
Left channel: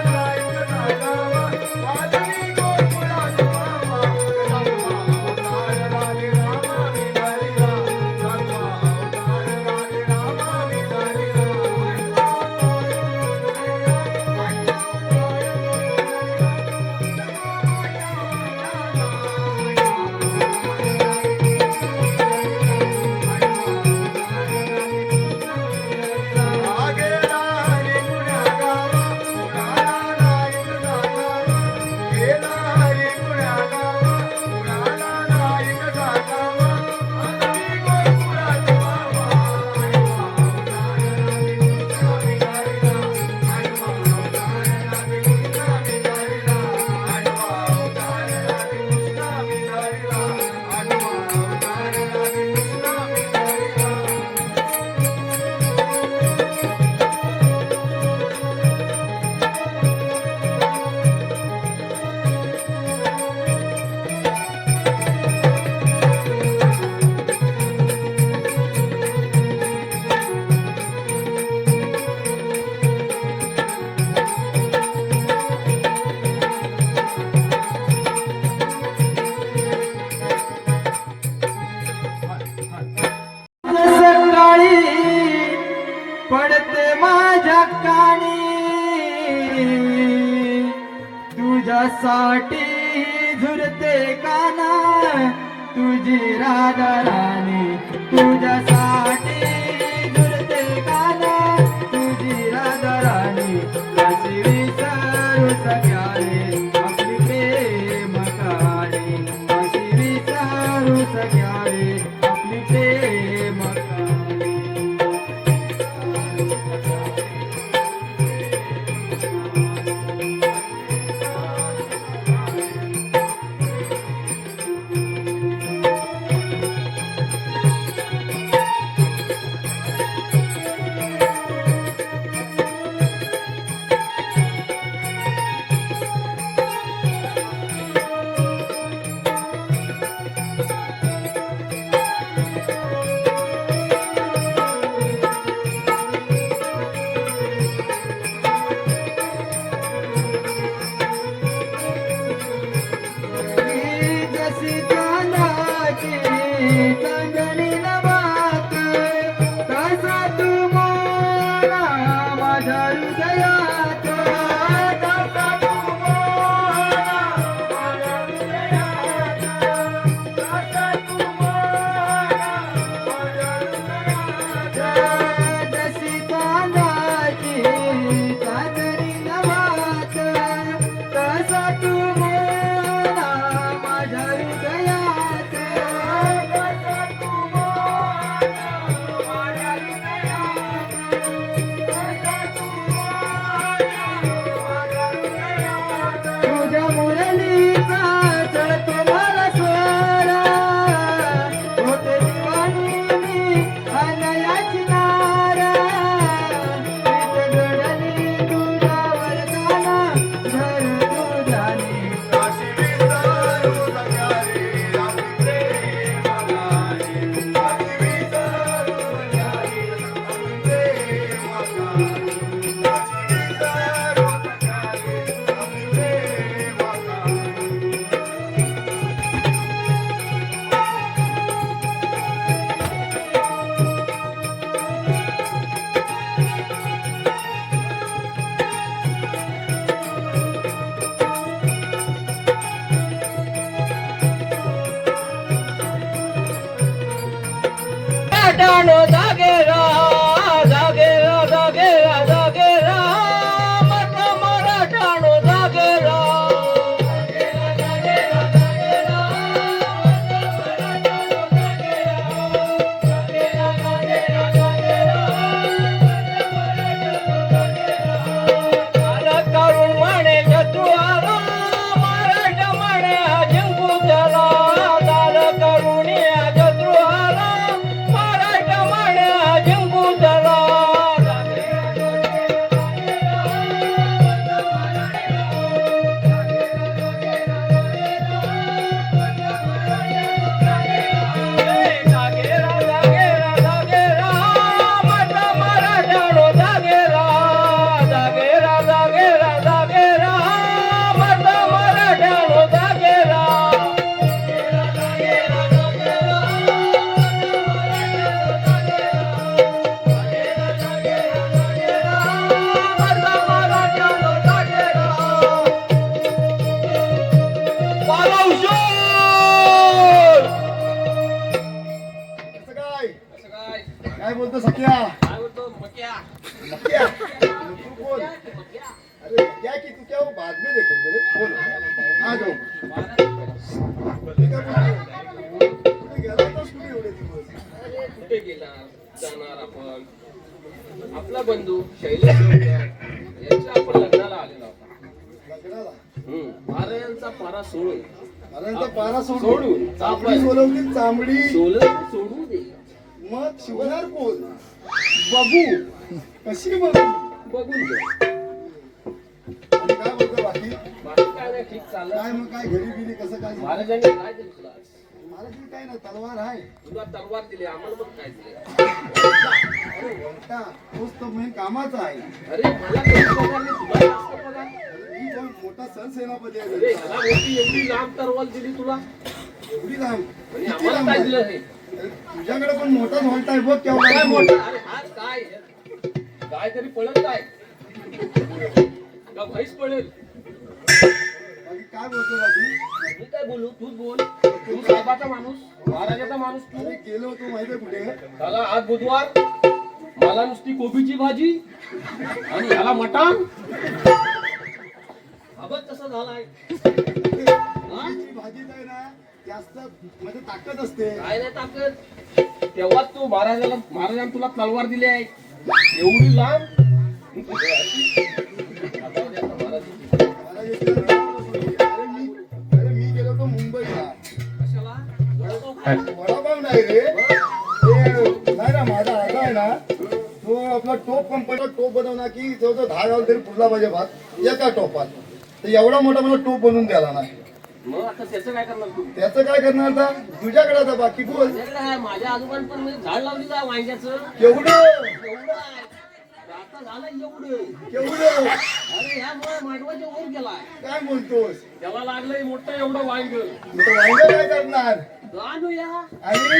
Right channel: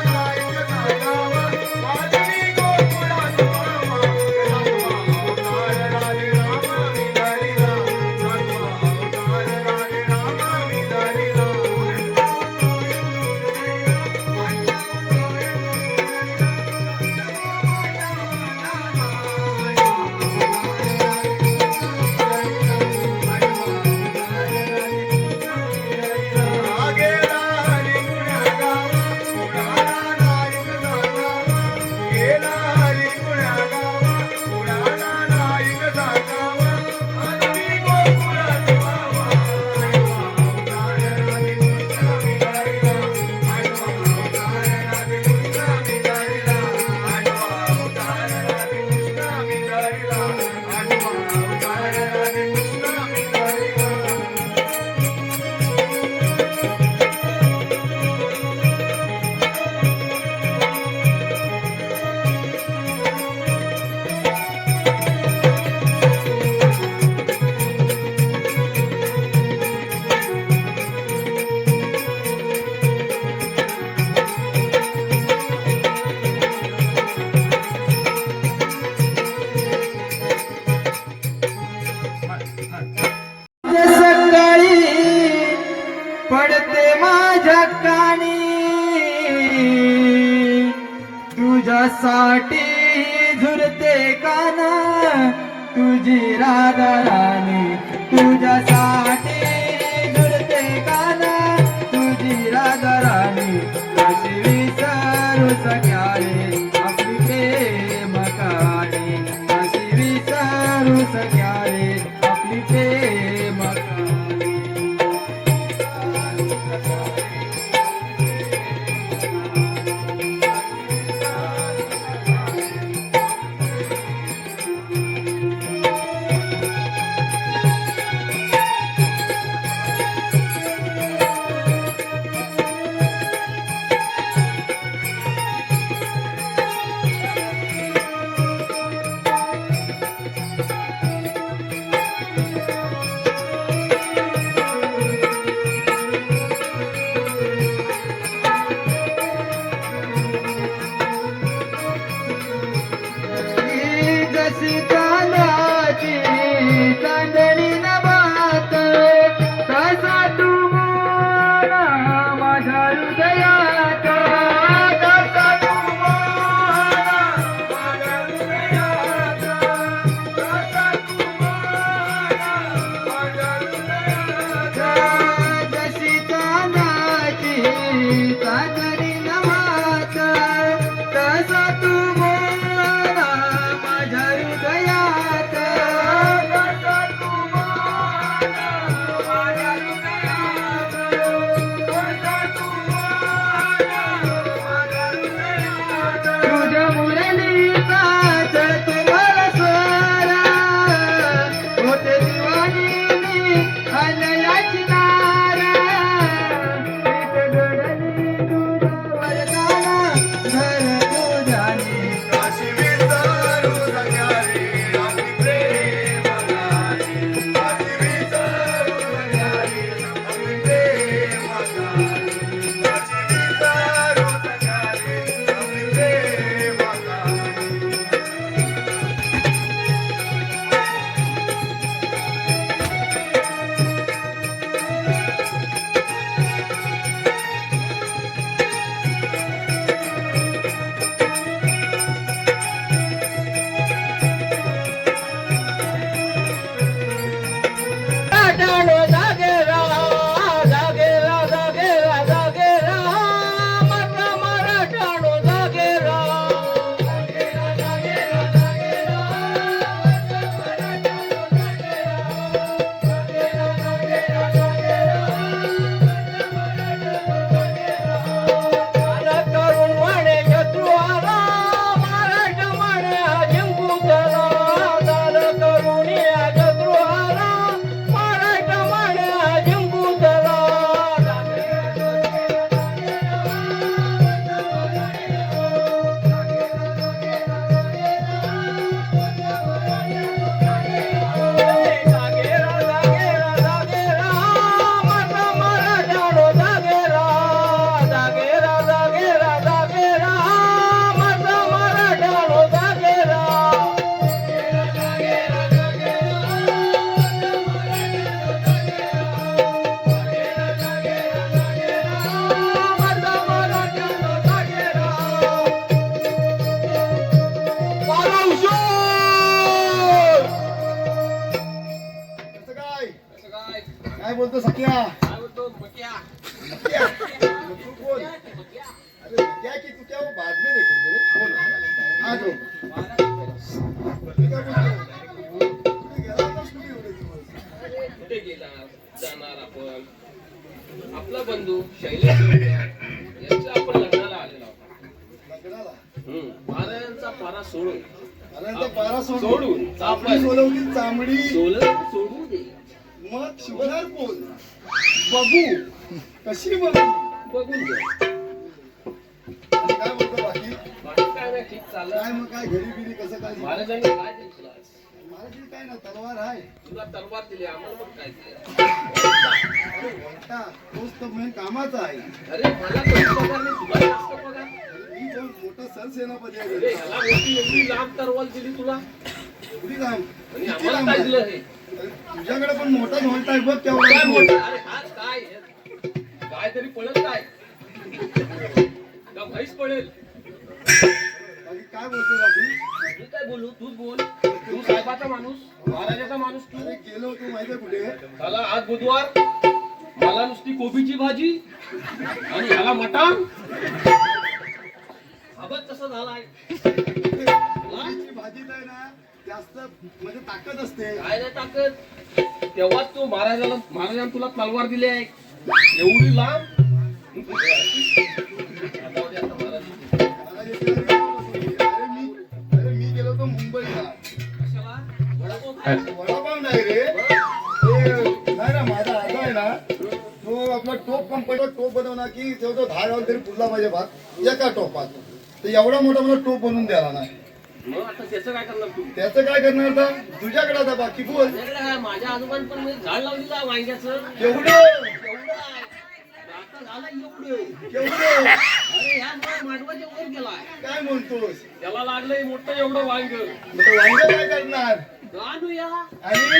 नाही कसा गावा माधवी गोकुळात मावा सकाळी पडते माझ्या कानी तुझ्यासाठी झुरते काना तुझी राधा राणी तुझ्यासाठी झुरते काना तुझी राधा राणी कशी विसरू सख्याले आपली प्रेम कहाणी कशी विसरू सख्याले आपली प्रेम कहाणी चांदणी नभात तसा तू मोरा माझ्या हृदयात तसा तू मोरा माझ्या हृदयात तसा तू मोरा माझ्या हृदयात जशी चांदाची चांदणी नभात तसा तू मोरा माझ्या हृदयात तसा तू मोरा माझ्या हृदयात तसा तू मोरा माझ्या हृदयात तुझ्या मुरलीचा चढतो मला स्वर होते दिवाणी मी अनयाची नार घडली तुझ्यावर गाणं धर तुझ्याने काशी विसरू सगळ्याने आम्ही प्रेमाने काशी विसरू सगळ्याने आम्ही प्रेमाने काशी विसरू सगळ्याने आम्ही प्रेमाने टाळो जागेरा जागेरा जागेरा जागेरा मत मराठाणो जागेरा जागेरा जागेरा जागेरा जागेरा जागेरा जागेरा आला करून म्हणे शत्रू आला मराठा म्हणे जिंकू त्याला झालं करून या शत्रू आला मराठा म्हणे जिंकू त्याला जागेरा जागेरा जागेरा मत मराठाणो जागेरा जागेरा जागेरा जागेरा मत मराठाणो जागेरा जागेरा जागेरा काय बोलतो सख्या मक्या? तू बोल अरे क्या की तू क्या वो बाद में देखेंगे रे बोल आ जाओ मी काय बोलतो तू गेला होतास कुठे एवढे दिवस कुठे गेला जाणार आपण आपला बंधू शैलेश यांच्या आपण लग्नाला आलेला होता लग्नाला महाराजांचा पारा सोडून अरे तो पारा सोडून चांबडी सोलवली चांबडी सोडू दे मग शिवणार कोण बघू कशी बघू बघून घे आणि काय बोलतो बाकी बाकी काय नाही ठीक चाललं काय मग काय घरी बिरी कसं काय महाराजांनी काय दिलं तुला आज? मला ती काय ना तलवार आहे तुला तलवार दिली आम्हाला बघ काय दिलं अरे वळता तोच तो मेन कामाचा आहे अरे मला कमी पगार नाही तुला जास्त पगार मी पण मोठा सरसेनापती आहे अरे ह्याला मोठी एवढी लांब तलवार दिली तुला एवढी लांब आणि किती आम्हाला लांब काय आहे? दिलं हे अरे तुझ्याकडे पण मोठाच व्हॉल्ट आहे बघ केवढा काय आहे. मोठं अरे हा काय काय तरी पळत काय का म्हैस पळेल बाकी काय बोलतो बाकी मी काय बोलू तूच बोल तू साहेबाचा माणूस महाराजाचा माणूस तू अरे गेलो होतो माहितीये कुठे त्याला आज बुधवार मला नुसती कोबीची भाजी आणि ह्याला मटण हा बघ कसं झालाय कोबीची भाजीत आहे ना जास्त म्हणजे ताकद असते काय नाही ताकद तेव्हाच तू महाराजांनी तुला तलवार दिली आहे एवढी लांब आता उद्या आता महाराजांची. मला येते ना अरे मी गेलो होतो मुंबईला कशाला वडापाव खायला? वडापाव नाही रे ते नाही ना माझा आजा आहे ना तो आपला टोप कंपनीचा टोप बनवला की तो 10 गाव तरी पुरला पाहिजे भात एका टोपात तर एवढा मोठा मला टोप बनवून द्याला नाही मग आता त्याचं काय करणार तू त्याचं काय करणार आता तुझ्याकडे आता बाकी बोल माझ्याकडे आहे माझ्या आजोबांनी पण मी झाड लावलेलं वांग्याचं केवढं एवढं आहे. आता झालं एवढं केवढं अरे ह्या मांडवाच्या वर गेलाय काय म्हणतोस त्याला लागलंय मोठं एवढं वांग मग वांग काय करणार आणूया आणि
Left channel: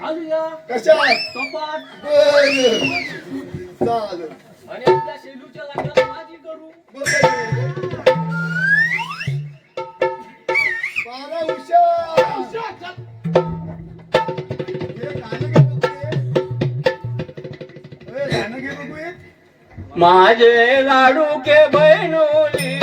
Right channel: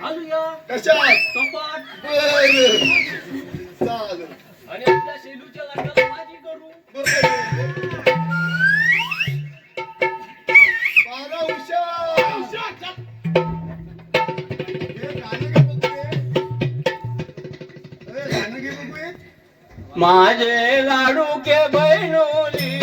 घालूया कशात कपाट बर चालेल आणि आपल्या शेलूच्या लग्नात माझी करू बारा उषा गाणं घे बघू हे. माझे लाडू के बहिणोली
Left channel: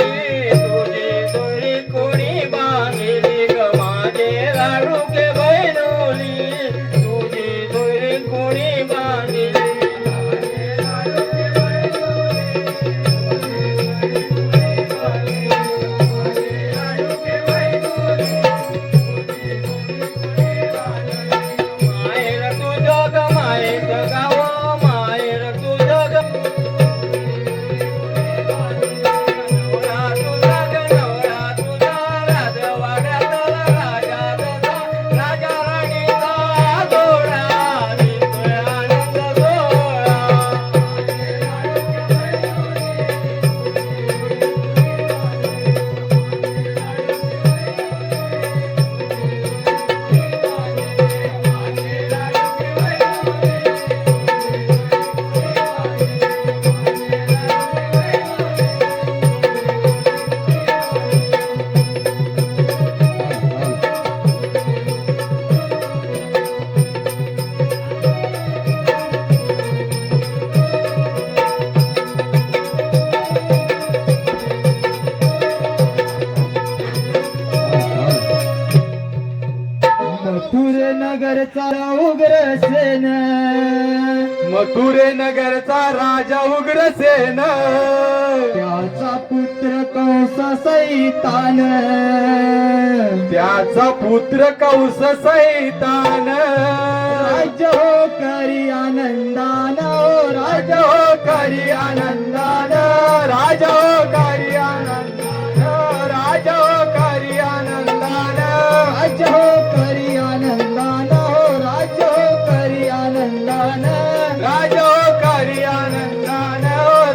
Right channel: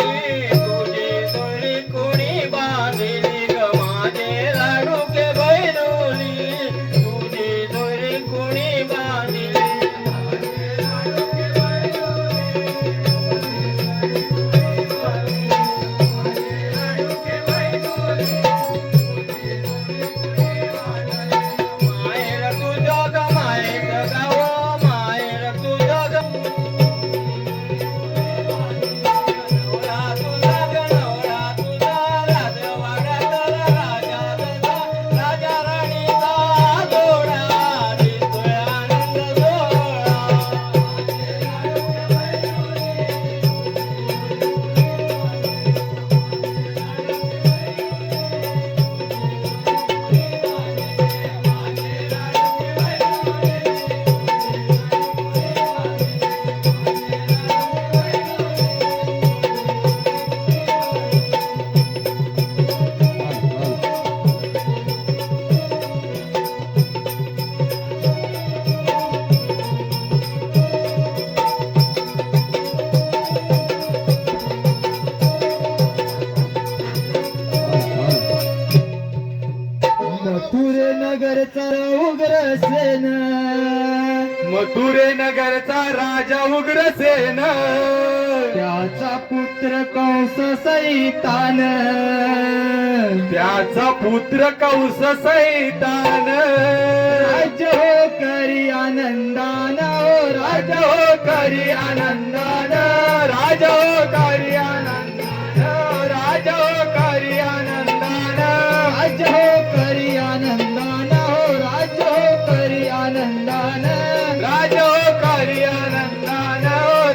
तुझी तुळी कोणी बांधली ग माझे लाडू के बहिणोली तुझी तुळी कोणी बांधली माहेर तुझं ग माहेर गाव माहेर तुझं ग मथुरे नगरचा उग्रसेन मथुरे नगरचा राजा उग्रसेन त्याचा पुत्र कंस सैतान त्याचा पुत्र कंस सैतान राज्य हो करी आनंदान हो राजा हो करी आनंदान राजा हो करी आनंदान राजा हो करी आनंदान राज्य हो करी आनंदान हो राज्य हो करी आनंदान राजा हो करी आनंदान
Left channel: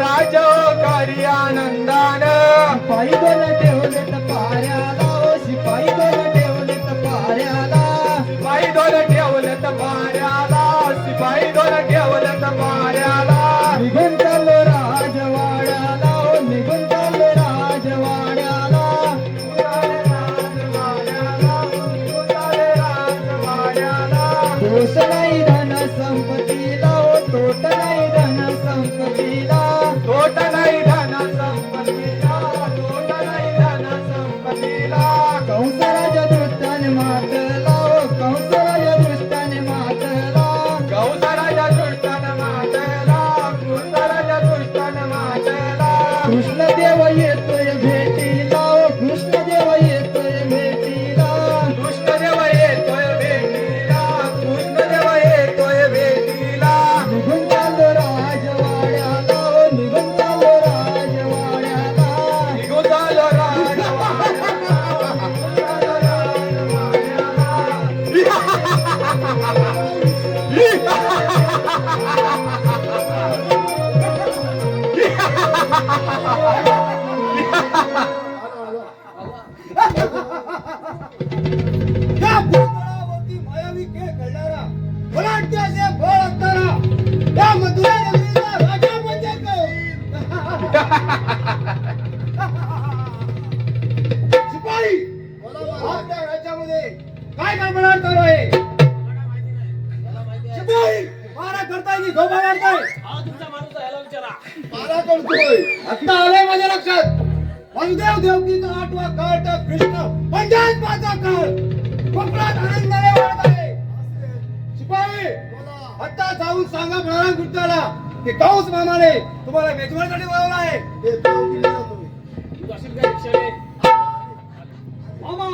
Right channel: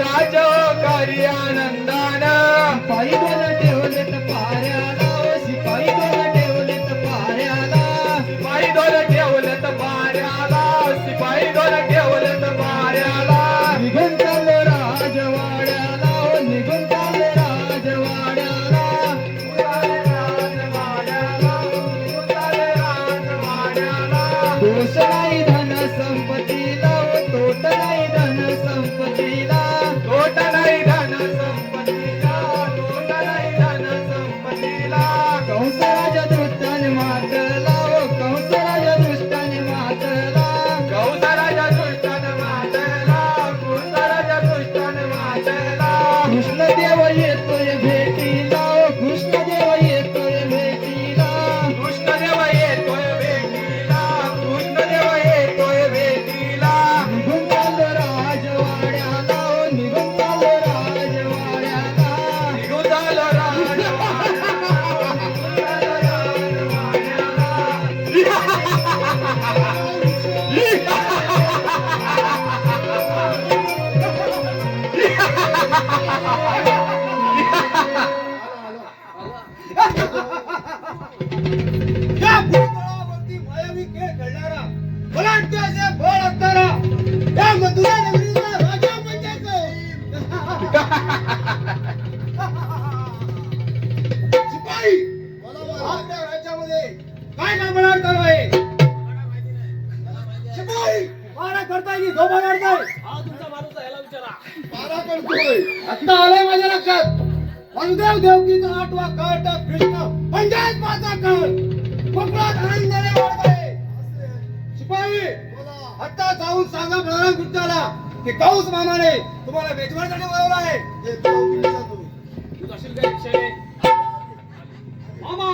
राजा हो करी आनंदान शिपाई दोन ठेवलेत पाऱ्याला हो शिपाई दोन ठेवलेत पाऱ्याला शिपाई दोन ठेवलेत पाऱ्याला शिपाई दोन ठेवलेत पाऱ्याला निघून चाललो राजवाड्याला हो निघून चाललो राजवाड्याला दोष नाही धन संपत्तीला हो तोट नाही धन संपत्तीला तोट नाही धन संपत्तीला तोट नाही धन संपत्तीला कंसराज दृष्टाने मातला हो कंसराज दृष्टाने मातला गौसराजा दृष्टान मातला कृष्णराजा दृष्टान मातला कृष्णदेव येतोय भेटीला हो कृष्णदेव येतोय भेटीला कृष्णदेव येतोय भेटीला कृष्णदेव येतोय भेटीला निघून चाललो राजवाड्याला हो निघून चाललो राजवाड्याला निघून आलो या भूतलावरती मायावी खेळ खेळणारा बलाढ्य असे बळ असणारा त्या मथुरा नगरीचा राजा म्हणजे शिपाई आपल्या राज्यामध्ये काय काय मनावर चालू आहे शिपाई मारा करताय की झोपा मारताय हा तुमचा माणूस याला विचारा मारा करतोय आता आलंय माझ्या लक्षात वासुदेव देवकीचा आठवा काळ तर कृष्ण पंचायत पाचा काळ कोकणात आनंदाने वाढत आहे शिपाई आता जाऊन सांगा बलराम कृष्णाला की कंस मामाने तुम्हाला मेजवानीसाठी बोलावलं आहे हे देवकीला तुम्ही. तू जाशील का रिक्षाने? मामा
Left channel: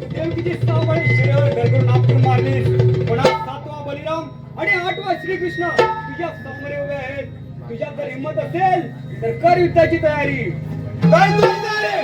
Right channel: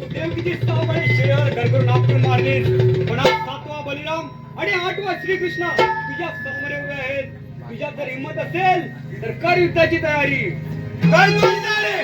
देवकीची 6 बळी शिळेवर गडगडून आपटून मारली पण आज 7वा बलिराम आणि 8वा श्रीकृष्ण तुझ्या समोर उभे आहेत तुझ्यात जर हिंमत असेल तर कर युद्धाची तयारी काय मुली झाले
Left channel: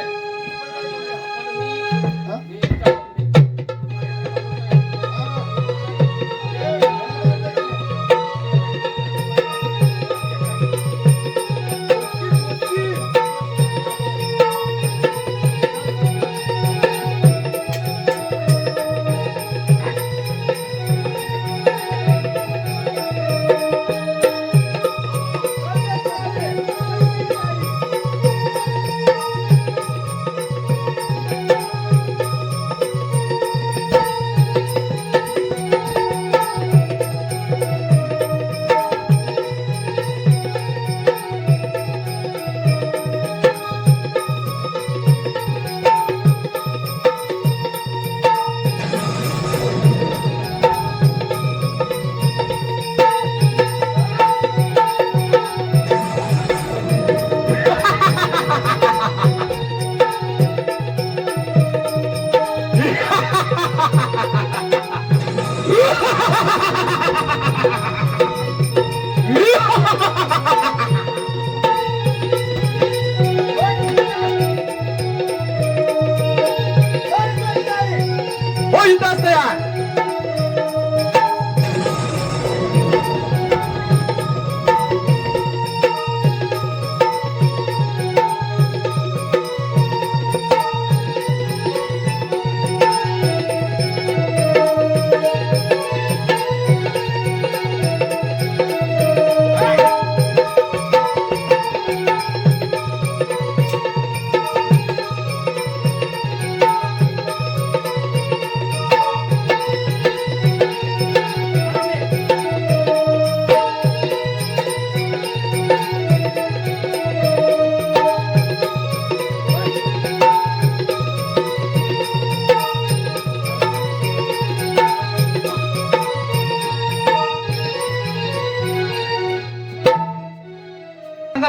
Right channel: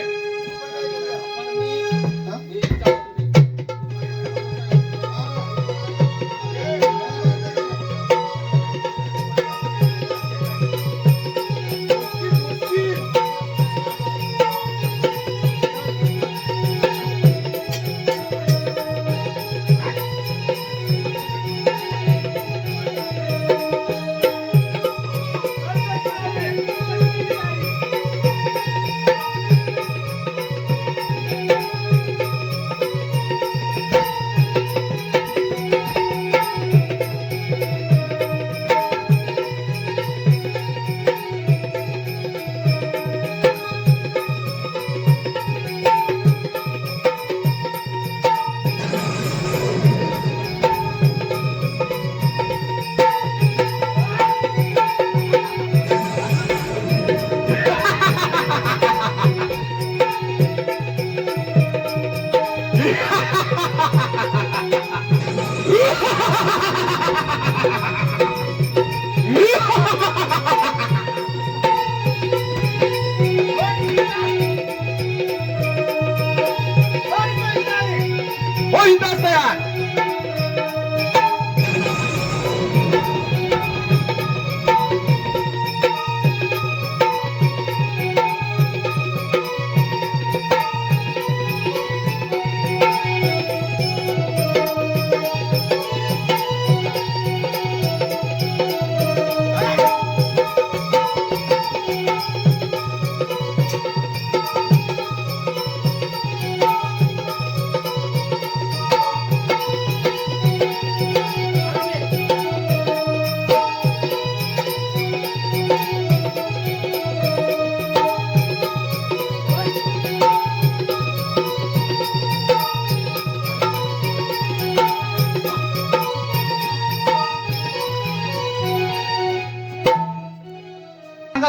होईताच तयार.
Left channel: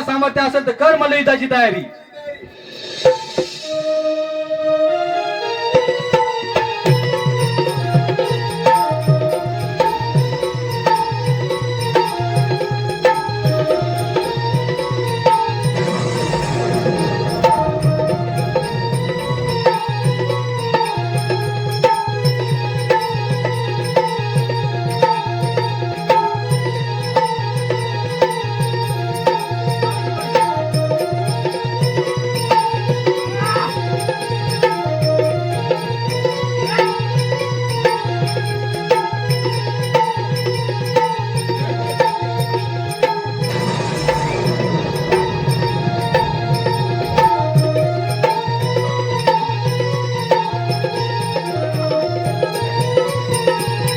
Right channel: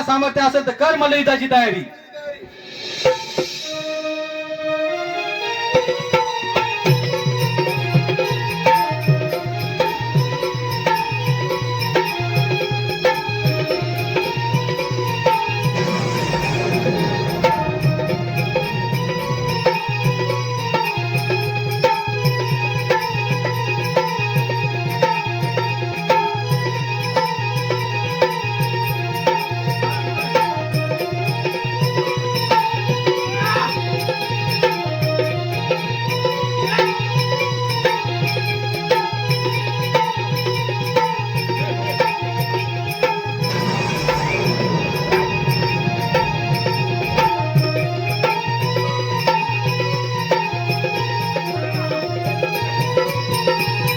सामर्थ्य असेल तर कर मला युद्धाची तयारी.